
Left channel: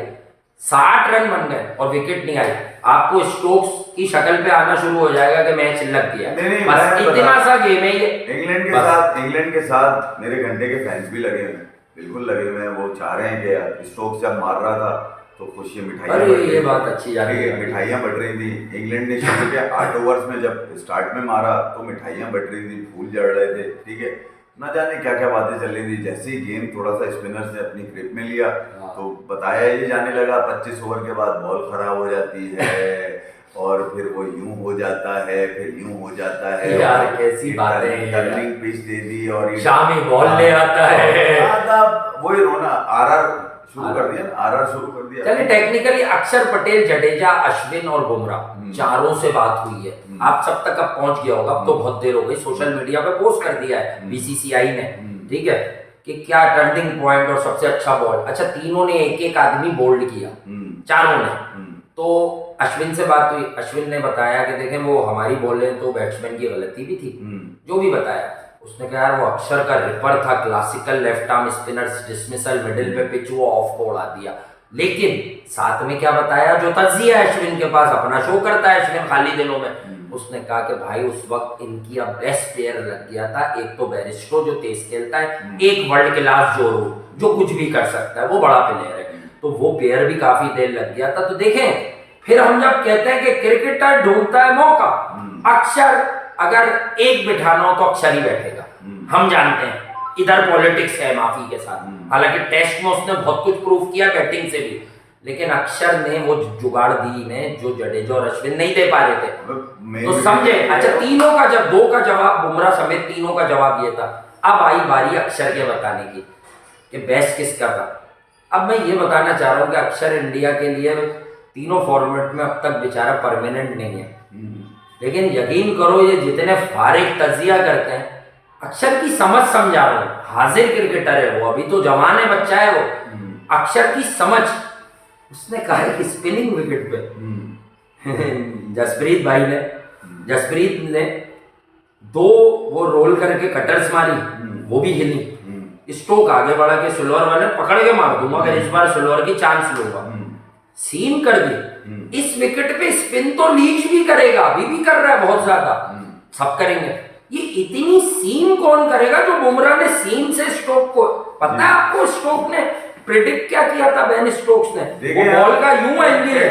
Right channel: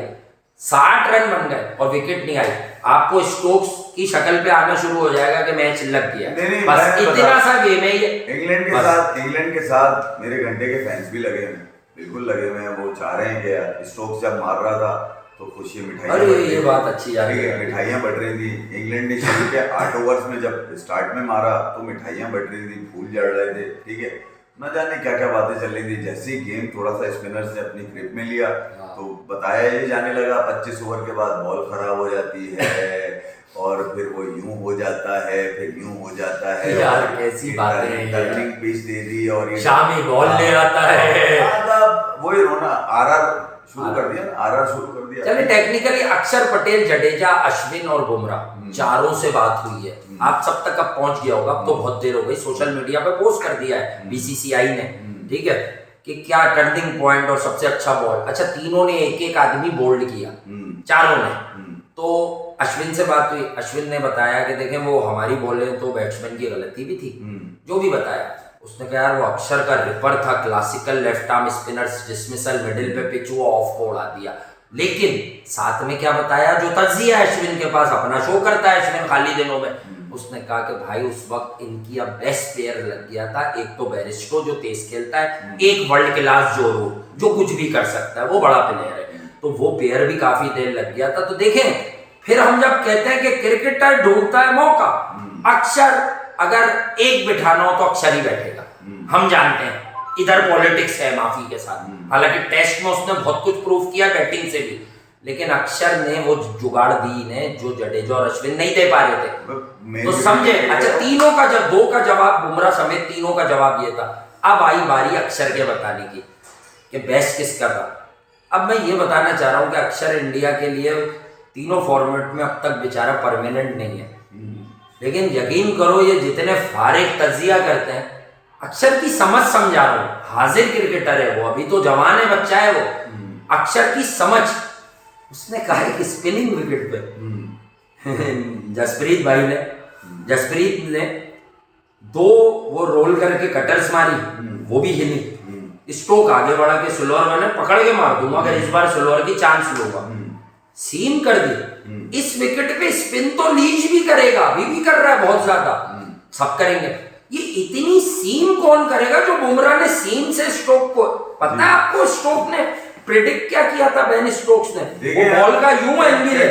60 रन बन गए और विकेट नहीं आई, आपको स्टोक्स की शक्ल पे आना शुरू हो जाएगा कि मैच लग गया। बस इतना सा गेम है ये। इंग्लैंड के साथ मेरे घंटे के फैंस भी लगे हुए, बिल्कुल लगे हुए हैं। वो चाह रहे हैं कि यार स्टोक्स जब मार रहा था तो खुशी मिठाइयाँ, ये बात अच्छी जा रही है, मिठाइयाँ बट रही थी। इंग्लैंड ने शुरू के 8 ओवर्स में जब स्टार्ट में मारा तो मिठाइयाँ बट रही थी, फूल जड़ रहे थे, ठीक है, ना जाने क्या क्या बातें चल रही थी। जैसे ही गेम थोड़ा सा स्पिनर्स ने अपनी ग्रिप में लिया तो बताया ये जाने लगा 25 ओवर के बाद बॉल खराब हो जाती है और फिर वो यूं हो जाता है, फिर यूं हो जाता है। यार कैसी बातें हैं, टर्निंग पिच दे दी और शामी बॉल ले आता है। वही रोना, आरआर शुरू कर दिया, आरआर शुरू कर दिया। चलिए टेक्निकली अक्षर पटेल, जडेजा, अश्विन और बुमराह चारों से बात हुई है, आप सब तक अब पहुंच गया होगा। अब तो बहुत देर हो गई, सोशल मीडिया पे पोस्ट कर दिया है बीसीसीआई ने, ठीक है, कि क्या टर्निंग पॉइंट और सबसे अच्छा बॉल। अच्छा, तीनों ने एक एक आदमी बोल्ड किया, चारों ने। तो अश्विन से बात हुई, अश्विन ने बताया कि देखें वो हमारी बॉलें तो बैट्समैन की गलती भी थी, जो भी बताया। उसने कहा यार वो अक्षर का रिपर था, classical left arm spinners, dismissal middle पे पिच वो ऑफ को उड़ा दिया। लेकिन साथ में क्या बताया, जो तज्जिया है अश्विन के पास, अपना शो करता है अश्विन खाली दिनों में, उसने कहा कि भाई उस वक्त इनकी अब बेस्ट प्लेयर लग गया था, एक तो बेरिस्टो जो तेज खेलता है, एक वर्ल्ड क्लास जोरू जो कुछ भी कर सकता है, वो बड़ा प्लेयर है, तो वो पेयर भी काफी देर लग गया था। तो देखें, फिर हम जब कहते हैं कि क्रिकेटर ढूंढता है मौका, अक्षर अगर एक बिठाना हो तो अक्षर ही बैठेगा, हम जानते हैं। इधर पॉलिटिक्स है माफी के साथ, हालांकि टेस्ट में उसने बहुत कुछ प्रूव किया बैटिंग से भी, लेकिन अक्षर ने वो जुगाड़ दी ने जो जडेजा और अश्विन नहीं दे पा रहे थे। तो समझे। अच्छा, तीनों का जब 2 का जवाब, बुमराह समेत तीनों का जवाब ये था। अब आई बारी अक्षर के बताने की कि बेस्ट किसका था। अब मैं ये बताना चाह रहा हूं कि अक्षर इंडिया के लिए तीनों फॉर्मेट में अब तक बेचारा परमानेंट नहीं है, लेकिन यकीन करो ये जितने फारिग तजिया करते हैं, अक्षर की समझ समझा रहा हूं, हाजिर क्रिकेटर है वो, अभी तो जवान है, बच्चा है वो। अक्षर की समझ, उसने कहा कि स्पिनिंग विकेट पे जसप्रीत भाई ने, जसप्रीत ने 2 वो रोल करके कटर्स मारी, वो भी हिली। स्टोक आगे बढ़ा के सिल्वर मैंने पकड़ के मार दूंगा, अगर इस बार सिल्वर की चांस लूंगा, सीम कर दी। इस विकेट पे स्पिन तो लीच भी करेगा, अभी भी कर रहा है बहुत ज्यादा, सब करेंगे। ये इतनी सीम कौन करेगा जो बुमराह ने सीम से स्टोक को, पता है आपको स्टोक ने प्रेडिक्ट क्या किया था, बेन स्टोक्स ने, वो बॉल का यूं एंगल है,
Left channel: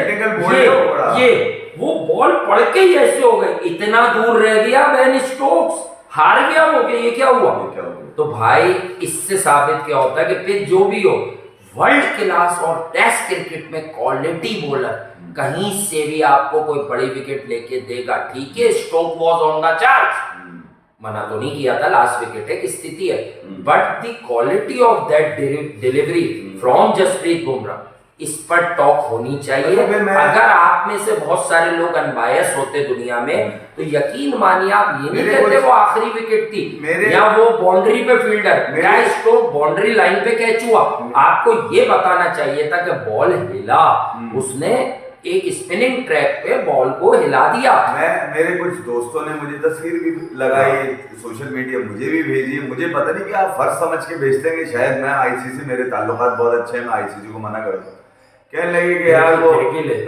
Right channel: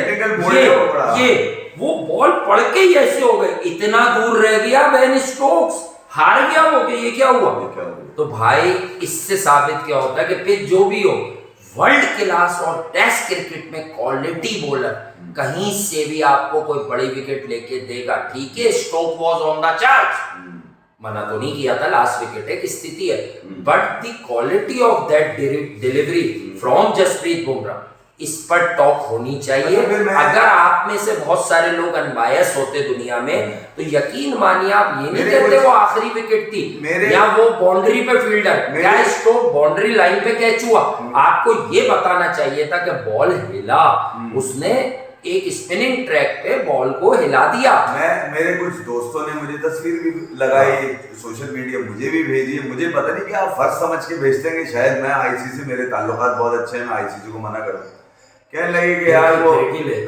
ये वो बॉल पड़ के ही ऐसे हो गई, इतना दूर रह गया बेन स्टोक्स, हार गया वो कि ये क्या हुआ। तो भाई इससे साबित क्या होता है कि पिच जो भी हो, वर्ल्ड क्लास और टेस्ट क्रिकेट में क्वालिटी बॉलर कहीं से भी आपको कोई बड़ी विकेट लेके देगा। ठीक है, Stokes was on the charge, मना तो नहीं किया था, लास्ट विकेट एक स्थिति है, but the quality of that delivery from Jasprit Bumrah, इस पर टॉक होनी चाहिए। अगर आप में से बहुत सारे लोग अनबायस होते दुनिया में, तो यकीन मानिए आप ये नहीं कहते वो आखिरी विकेट थी या वो बाउंड्री पे फील्डर, क्या स्टोक बाउंड्री लाइन पे कैच हुआ, आपको ये बताना चाहिए था कि बॉल हिला, उसने एक स्पिनिंग ट्रैक पे बॉल को हिला दिया। मेरे कुछ दोस्तों ने मुझे तस्वीर भी लगाई, सोशल मीडिया मुझे भी भेजी, मुझे पता नहीं क्या फर्ज समझ के भेजते हैं कि शायद मैं आईसीसी, मेरे ताल्लुकात बहुत अच्छे हैं, मैं आईसीसी को मना करूं। कहने लगे कि यार वो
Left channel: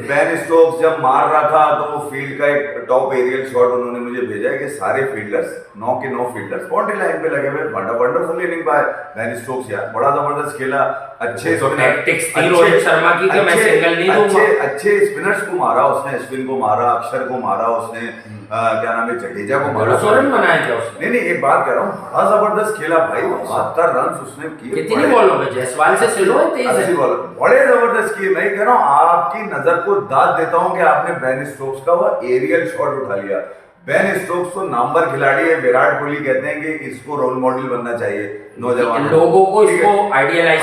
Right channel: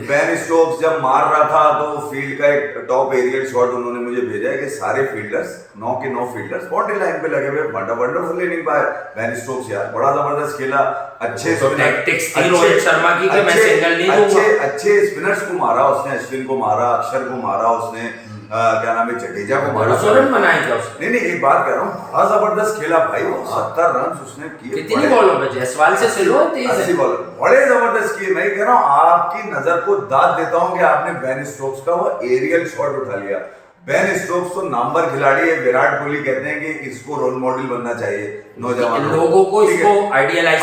बेन स्टोक्स जब मार रहा था तो वो फील्ड का एक टॉप एरियल शॉट उन्होंने मुझे भेजा है कि सारे फील्डर्स 9 के 9 फील्डर्स बाउंड्री लाइन पे लगे हुए, wonderful innings by Ben Stokes, यार बड़ा जबरदस्त खेला, अच्छे तो टैक्टिक्स थी रोहित शर्मा की कि मैं सिंगल नहीं दूंगा, अच्छे स्पिनर्स को मारा उसने, अश्विन को मारा, अक्षर को मारा उसने, क्या नाम है, जडेजा को मारा, 100 रन बनाए थे उसने। नहीं एक बात कह रहा हूँ, बड़ा जबरदस्त खेला भाई, 70 रन उसने किए। कितनी बॉलों पे, जायसवाल से सिलो है 23 बॉल, बड़े जबरदस्त किए। मैं कह रहा हूँ आपकी नजर को दाद देता हूँ कि आपने बेन स्टोक्स का वो एरियल शॉट उठा लिया। बेन स्टोक्स तो नंबर खिलाड़ी है, विराट कोहली कहते हैं कि इसको रोल मॉडल बनना चाहिए, नौजवान लोगों को इसको आइडियलाइज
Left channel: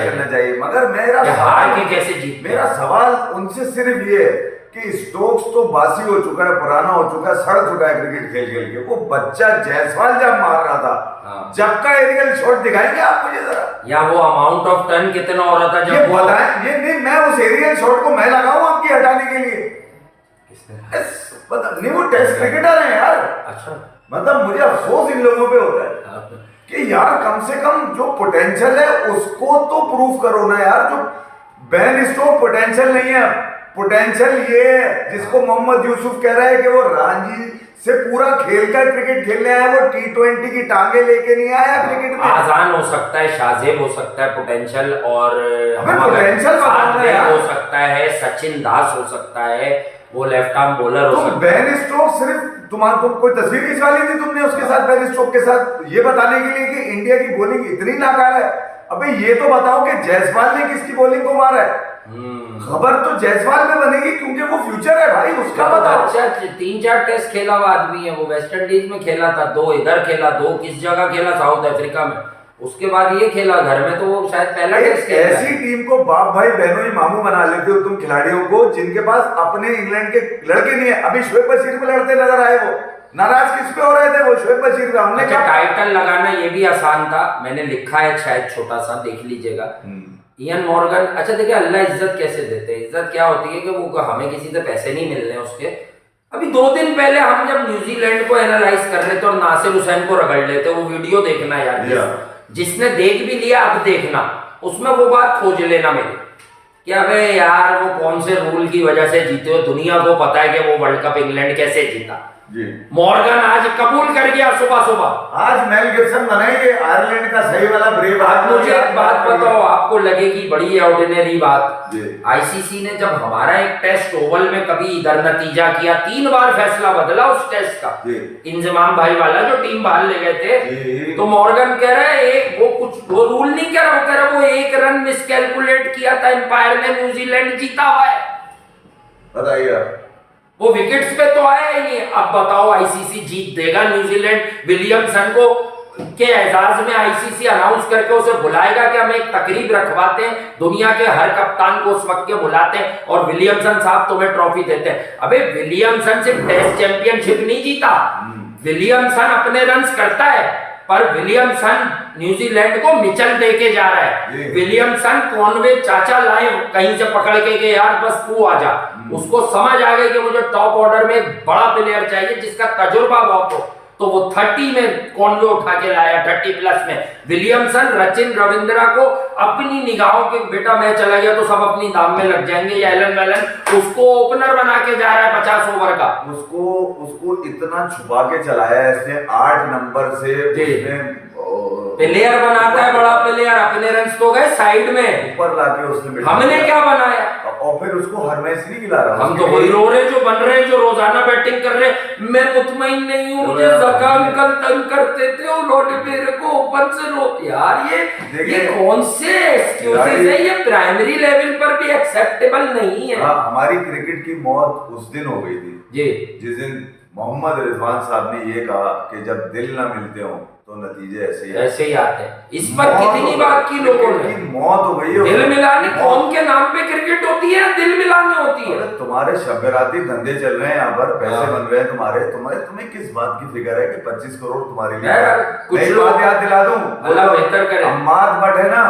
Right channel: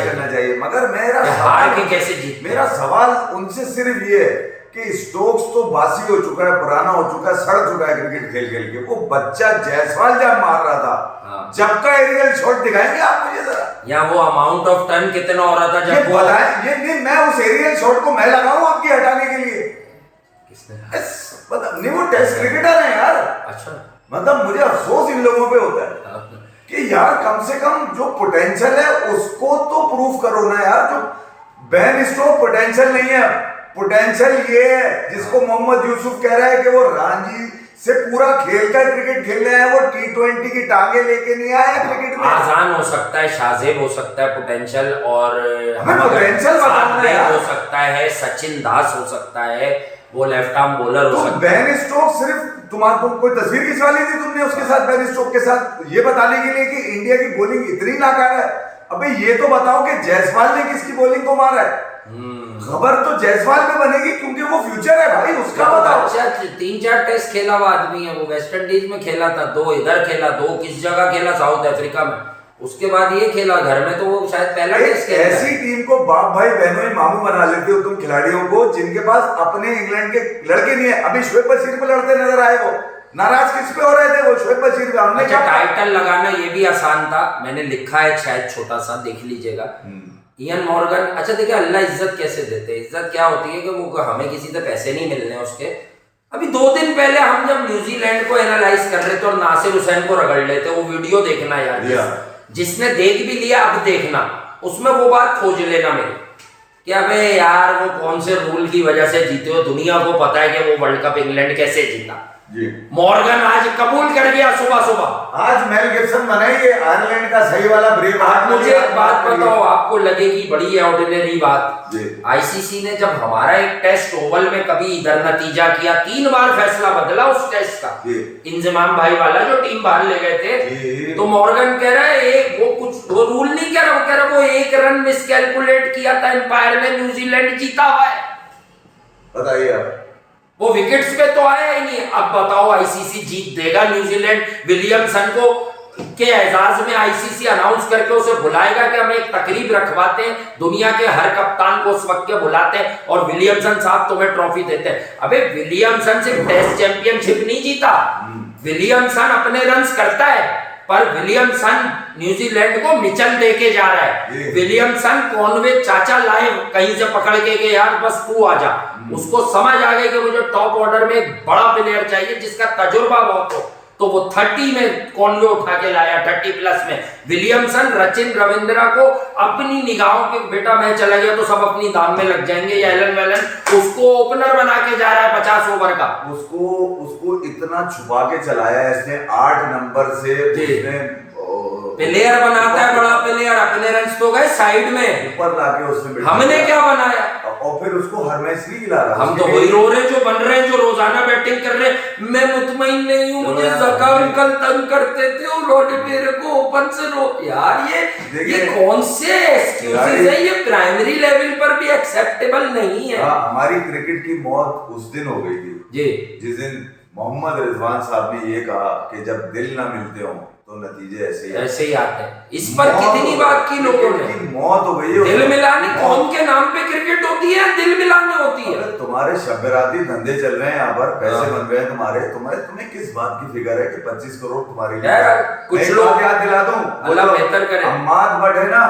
करना चाहिए। मगर मेरा सवाल उनसे सिर्फ ये है कि स्टोक्स तो बासी हो चुका है, पुराना हो चुका है, सड़ चुका है क्रिकेट खेल खेल के। वो बच्चा जायसवाल जब मार रहा था, जब का एरियल शॉट दिखाएंगे आप मुझे जरा, या वो अमाउंट ऑफ टर्न कितना हो रहा था जब वो बताएं। ये नहीं, मैं उस एरियल शॉट को मैं लगाऊं आपकी हटाने के लिए, किसने? मतलब नहीं, वो टेस्ट क्रिकेटर है यार। अच्छा। मतलब मुझे अफसोस इन लोगों पे होता है कि यार कम से कम जो पोटेंशियल है उसको तो प्रूव करो ना यार। जो बेन स्टोक्स पोटेंशियल नहीं है, पोटेंशियल ये है जिसको मोहम्मद यूसुफ कह रहा है कि वो रणजी से पूरा खेलता क्रिकेट खेलने आया, वो T20 की टांगे लेके नहीं आया क्रिकेट में। आजान हो सकता है, शाजेब हो सकता है पोटेंशियल, और हमें पोटेंशियल बताओ ना यार। हो सकता है, सचिन दास हो सकता है, वो लेफ्ट आर्म बॉलर हो तो सकता है। बेन स्टोक्स सिर्फ तुम्हारे कोई तस्वीर खिंचवा ली थी तुमने उसके साथ, बेन स्टोक्स के साथ, ये बताने के लिए कि इंडिया की बॉलिंग इतनी नाकाम है। अबे ये तो बताओ कि जायसवाल ने किसकी बॉलिंग को मारा है। खबर तो जायसवाल में बनेगी क्योंकि वो फ्यूचर है भाई उसका। बताओ, अच्छा 3-4 टेस्ट खेला हुआ आदमी है वो। वेस्ट इंडीज में खेला था, 2 इधर खेला, 2 किस जगह खेला, साउथ अफ्रीका में। उसके बाद ये खेला घर में, तो वो शायद पहला टेस्ट खेला। ऐसी टीम को बाप भाई बहनों ही मामू बना लेते हो तुम खिलाड़ियों को जिनके पास अपने इंग्लैंड के लड़के नहीं है। अभी शोएब बशीर को लड़ते नजर आए, वो नाराज किस पे हो रहे थे? वो शोएब बशीर का हमने अच्छा, टाइटल लगाना ये भी आसान था, मैंने लिखा है शायद छोटा सा, देख लीजिएगा। Ian Morgan. अच्छा देखिए, अल्लाह इज्जत कैसे देते हैं। इज्जत क्या होती है कि वो हमें किसी से पैसे नहीं मिलने उसके। अभी 2 दिन पहले हम जब न्यूजीलैंड को एनालाइज कर रहे थे और नासिर हुसैन को रगड़ लेते, वो वीडियो देखना यार, जिसने देख भी लिया अब देखना, उसमें वो बात खोज लेना मेरी कि अबे यार वो कौन से रूल की वजह से जीते हो। दुनिया को पता है कि वो वर्ल्ड कप इंग्लैंड कैसे जीता। मॉर्गन आज कबूल कर गया सुबह सुबह। आज मेल गिब्सन बनाएंगे आयरलैंड का सही वाला ब्रेव। आप मुझे एक बात बताओ, आपको लगेगी बड़ी ऑर्डिनरी बात, आईसीसी ने जब हमारा एक टेस्ट ओवल में कभी इधर नतीजा किया, 3 बार फैसला बदला उस टेस्ट का, इंजमाम भाई वाला जो टीम बाहर ले गए थे, तो मॉर्गन कह रहा है वो रूल नहीं कह रहा, वो कह रहा वो 1 रन मिसकैलकुलेट किया था एम्पायर ने, न्यूजीलैंड जीता हुआ है। बताइए, वो विकेट्स पे तो आया ही नहीं। अब बताओ आईसीसी जीत देगा न्यूजीलैंड? विलियमसन को के एजाज में आईसीसी अनाउंस करके उसे बुलाएगा कि हम एक तकरीब रखवाते हैं, दुनिया के हर कप्तान को उस वक्त के बुलाते हैं और विलियमसन साहब तुम्हें ट्रॉफी देते हैं। अबे विलियमसन सिर्फ टेस्ट चैंपियनशिप नहीं जीता, विलियमसन अपने रन्स करता है, पर विलियमसन न्यूजीलैंड को मिचल दे के जा रहा है। विलियमसन कॉनवे चाचा लाए कहीं से पकड़ के यार बस तू आ जा। उसको समझ आ गई कि मुझे टॉप ऑर्डर में एक बड़ा प्लेयर चाहिए जिसका तजुर्बा बहुत हो, तो वो 30 में कॉनवे उठा के लाया, 30 प्लस में। विलियमसन सचिन रविंद्रा को अपनी निगाहों के बेटा मैं चला गया तो सब अपनी दाम में लग जाएंगे, या एलन वेलन उसको ओपनर बना के जा रहा है 50 ओवर का। उसको इतना छुपा के चलाया इसने 8 नंबर से, उसने प्लेयर बनाता है बड़ा प्लेयर, अपने रन्स तो गए साइड में, ऊपर लाके उसने हमने क्या बनाया? और फिर उसको हर मैच नहीं खिला रहा। हम तो वही रो रहे जो बन रहे हैं, जो रोजाना बैटिंग कर रहे हैं। मैं मुतमईन नहीं हूं, मुझे ज़का अंकल तंग करते थे, उन्होंने मेरे को ओपन से रो। यार ये कौन से एक्सक्यूजेस है? ये प्राइमरी लेवल पर भी एक्सेप्टेबल नहीं है। हमारी क्रिकेट की मौत उस दिन हो गई थी जी, जिस दिन मोहम्मद रिजवान साहब ने ये कहा कि जब दिल ना मिलते हो तो नतीजे ऐसे ही आते हैं। इस पर कितनी बात की लोगों ने, मौत हो गई है। दिल मिलाने कौन के नाम पे क्रिकेट होती है? दिल मिलाने होती है। तुम्हारे शबराती धंधे चल रहे हैं यहाँ पर, पैसे बन रहे हैं तुम्हें किस बात की फिक्र है कि 25 करोड़ तुम्हारे लिए? कुछ लोग याद दिला दूं, अल्लाह बेहतर करे। अम्माद भट्ट है ना,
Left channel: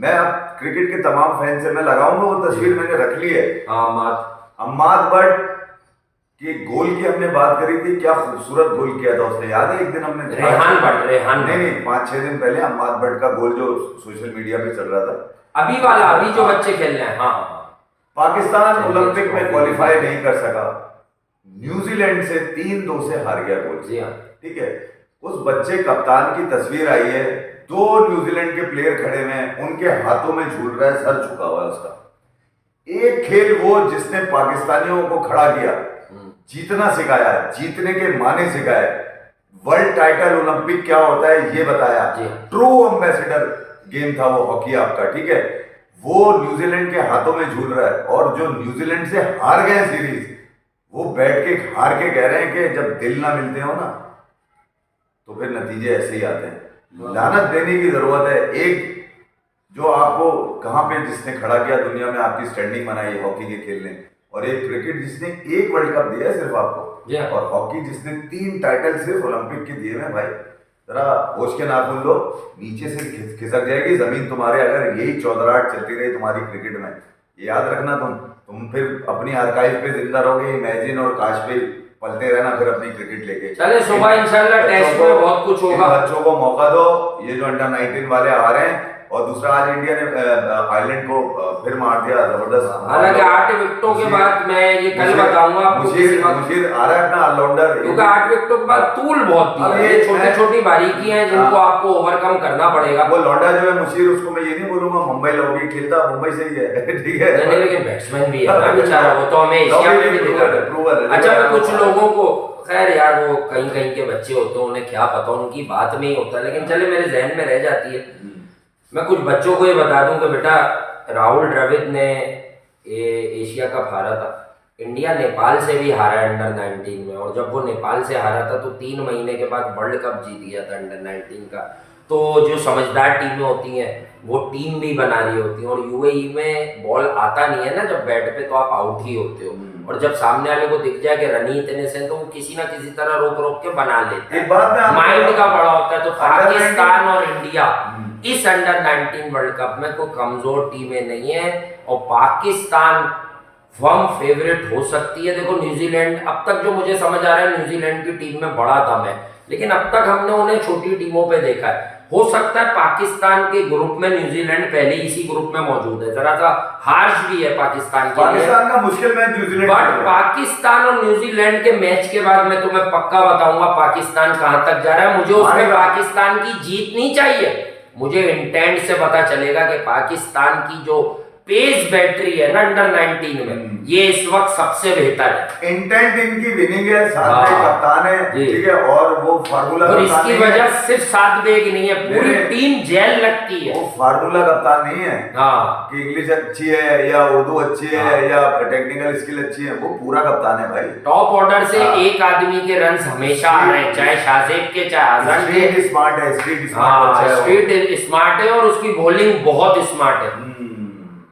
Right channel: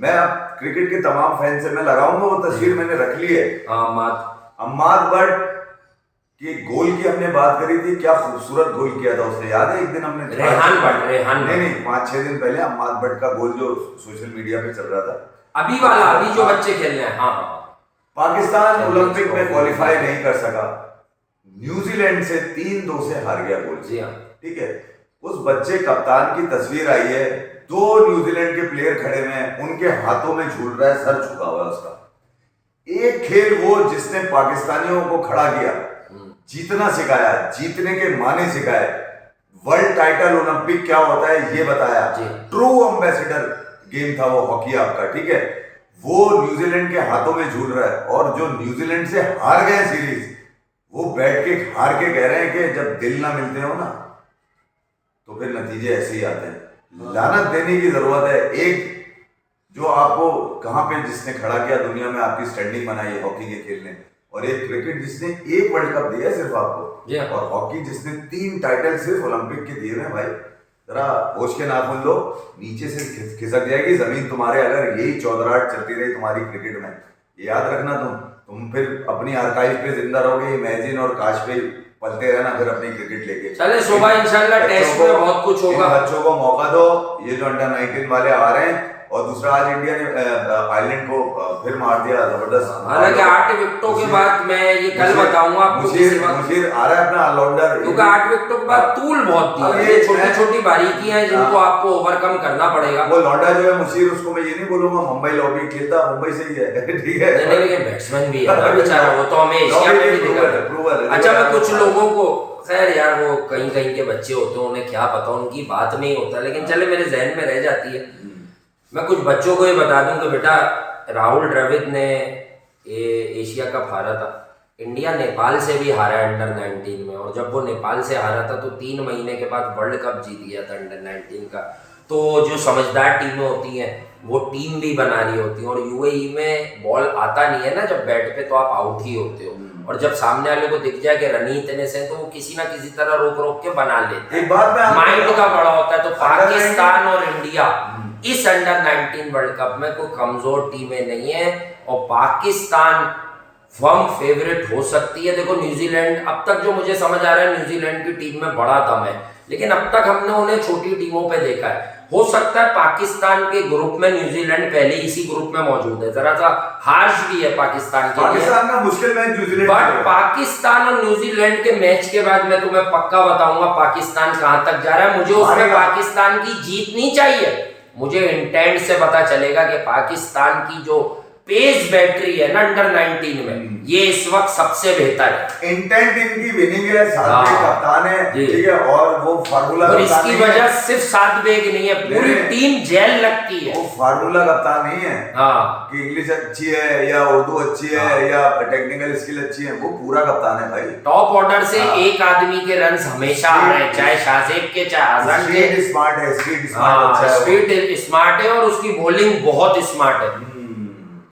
मैं अब क्रिकेट के तमाम फैन से मैं लगाऊंगा, वो तस्वीर मैंने रख ली है। अम्माद भट्ट कि गोल की हमने बात करी थी, क्या खूबसूरत गोल किया था उसने, याद है? एक दिन हमने रेहान नहीं 5-6 दिन पहले अम्माद भट्ट का गोल जो सोशल मीडिया पे चल रहा था, अभी जो बच्चे खेल रहे हैं। पाकिस्तान ओलंपिक में क्वालिफाई नहीं कर सका, न्यूजीलैंड से 3-2 से हार गया गोल। ठीक है, उस बच्चे कप्तान की तस्वीर आई है, 2 न्यूजीलैंड के प्लेयर खड़े हैं, उनके हाथों में झूल रहा है, सर झुका हुआ है उसका। एक खेल वो जिसने पाकिस्तानियों को खड़ा किया, जीतना सिखाया, जीतने के माने सिखाए, वर्ल्ड टाइटल ओलंपिक क्या होता है ये बताया, ट्रू एम्बेसडर गेम था वो हॉकी आपका। ठीक है, वो न्यूजीलैंड के हाथों में झूल रहा है, और जो न्यूजीलैंड से हार गए सीरीज, वो बैठ के हार के कह रहे हैं कि जब दिल ना मिलते हो ना तो फिर नतीजे ऐसे ही आते हैं। लानत देने की जरूरत है। एक जो आपको कहां पे जिसने खड़ा किया दुनिया में, आपकी स्टैंडिंग बनाई हॉकी के खेलने, और एक क्रिकेट जिसने 1 वर्ल्ड कप दिया है सिर्फ आपको, और हॉकी जिसने 3 टाइटल सिर्फ ओलंपिक के दिए हैं। भाई जरा होश के नाखून लो, नीचे से खिसक जाएगी जमीन तुम्हारे अगर यही चौधराहट चलती रही तुम्हारी क्रिकेट में, याद रखना तुम। तुम फिर अपनी आर्काइव पे जिंदा रहोगे, इमेजिन और काश पे पलते रहना फिर अपनी क्रिकेट लेके। चले सुबह इंशाल्लाह टेस्ट में बहुत कुछ होगा। बच्चों को मौका दो, ये जो अंडर 19 वाले आ रहे हैं। और दूसरा, आज इंडिया ने आयरलैंड को फिर मार दिया जबरदस्त। हालांकि 8 विकेटों के बाद मैं ये कल बताऊंगा आपको किसी वक्त, मुझे आ रहा है अपना ऑलराउंडर, क्योंकि 8 विकेटों के बाद तूल बहुत दी है, ये छोटी छोटी बारीकियां हैं जिनको आपको ओवरकम करना पड़ेगा। वो लौंडा जो है मुशीर, उसको मैं ये नहीं बोलूंगा मुंबई लॉबी खेलता, मुंबई से ही है ठीक है। नहीं लेकिन बैट्समैन भी है ना बेचारा, वो तो हमें एशिया में भी दिखा। अच्छा, मैं कुछ लोगों को, खैर यार वो कहीं कहीं के बच्चे होते हैं, उन्हें क्या पता, उनकी बात में ही होता है, लेकिन चले मेरे जहन में रह जाती है। मैं कुछ बच्चों को ये बता दूं कि बेटा, राहुल द्रविड़ ने एशिया कप हारा था, इंडिया नेपाल से भी हारा अंडर 19 में, और जब वो नेपाल से हारा था तो 3 महीने के बाद वर्ल्ड कप जीत गया था अंडर 19 का। तो जो समझदार टीमें होती हैं वो टीम भी बना रही होती हैं, और यूएई में बॉल आता नहीं है ना जब बैट पे, तो आप आउट ही होते हो, और जब सामने वाले को दिख जाए कि रन ही इतने से, तो वो किसी ना किसी तरह रोक रोक के बना लेते हैं। माइंड का बड़ा होता है। तो पाकिस्तान और इंडिया इस अंडर 19 वर्ल्ड कप में कोई कमजोर टीमें नहीं है, और पाकिस्तान फर्म फेवरेट हो सकती है। देखो न्यूजीलैंड, अब तक जो मुझे समझ आ रहा है न्यूजीलैंड की टीम में बड़ा दम है, लेकिन अब तक हमने उन्हें छोटी टीमों पे देखा है। हो सकता है पाकिस्तान के ग्रुप में न्यूजीलैंड पहले इसी ग्रुप में मौजूद है, जरा सा हार्श भी है पाकिस्तान के लिए, पाकिस्तान का मुश्किल मैच न्यूजीलैंड, बट पाकिस्तान और न्यूजीलैंड के मैच के बाद मैं तुम्हें पक्का बताऊंगा पाकिस्तान कहां तक जा रहा है। मुझे उसमें पाकिस्तान की जीत नहीं चाहिए, मुझे इंटेंट से पता चलेगा कि पाकिस्तान की जो पेस बैटरी है ना अंडर 19 में, ये इस वक्त सबसे बेहतर है। इंटेंट इनकी विनिंग है, सात कप्तान है, ठीक है, और वो फार्मूला, और इसकी वजह सिर्फ 7 बेग नहीं है, पूरी टीम जेल लगती है। वो फार्मूला कप्तान नहीं है कि इंग्लिश अच्छी है या उर्दू अच्छी है या टेक्निकल स्किल अच्छी है, वो पूरा कप्तान है भाई। टॉप ऑर्डर से एक आदमी के रन हमेशा आ रहे हैं, चाहे शाहजेब के चाहे आजम के। स्ट्रीट स्मार्ट है, स्ट्रीट स्मार्ट है, और उसकी बॉलिंग बहुत स्मार्ट है।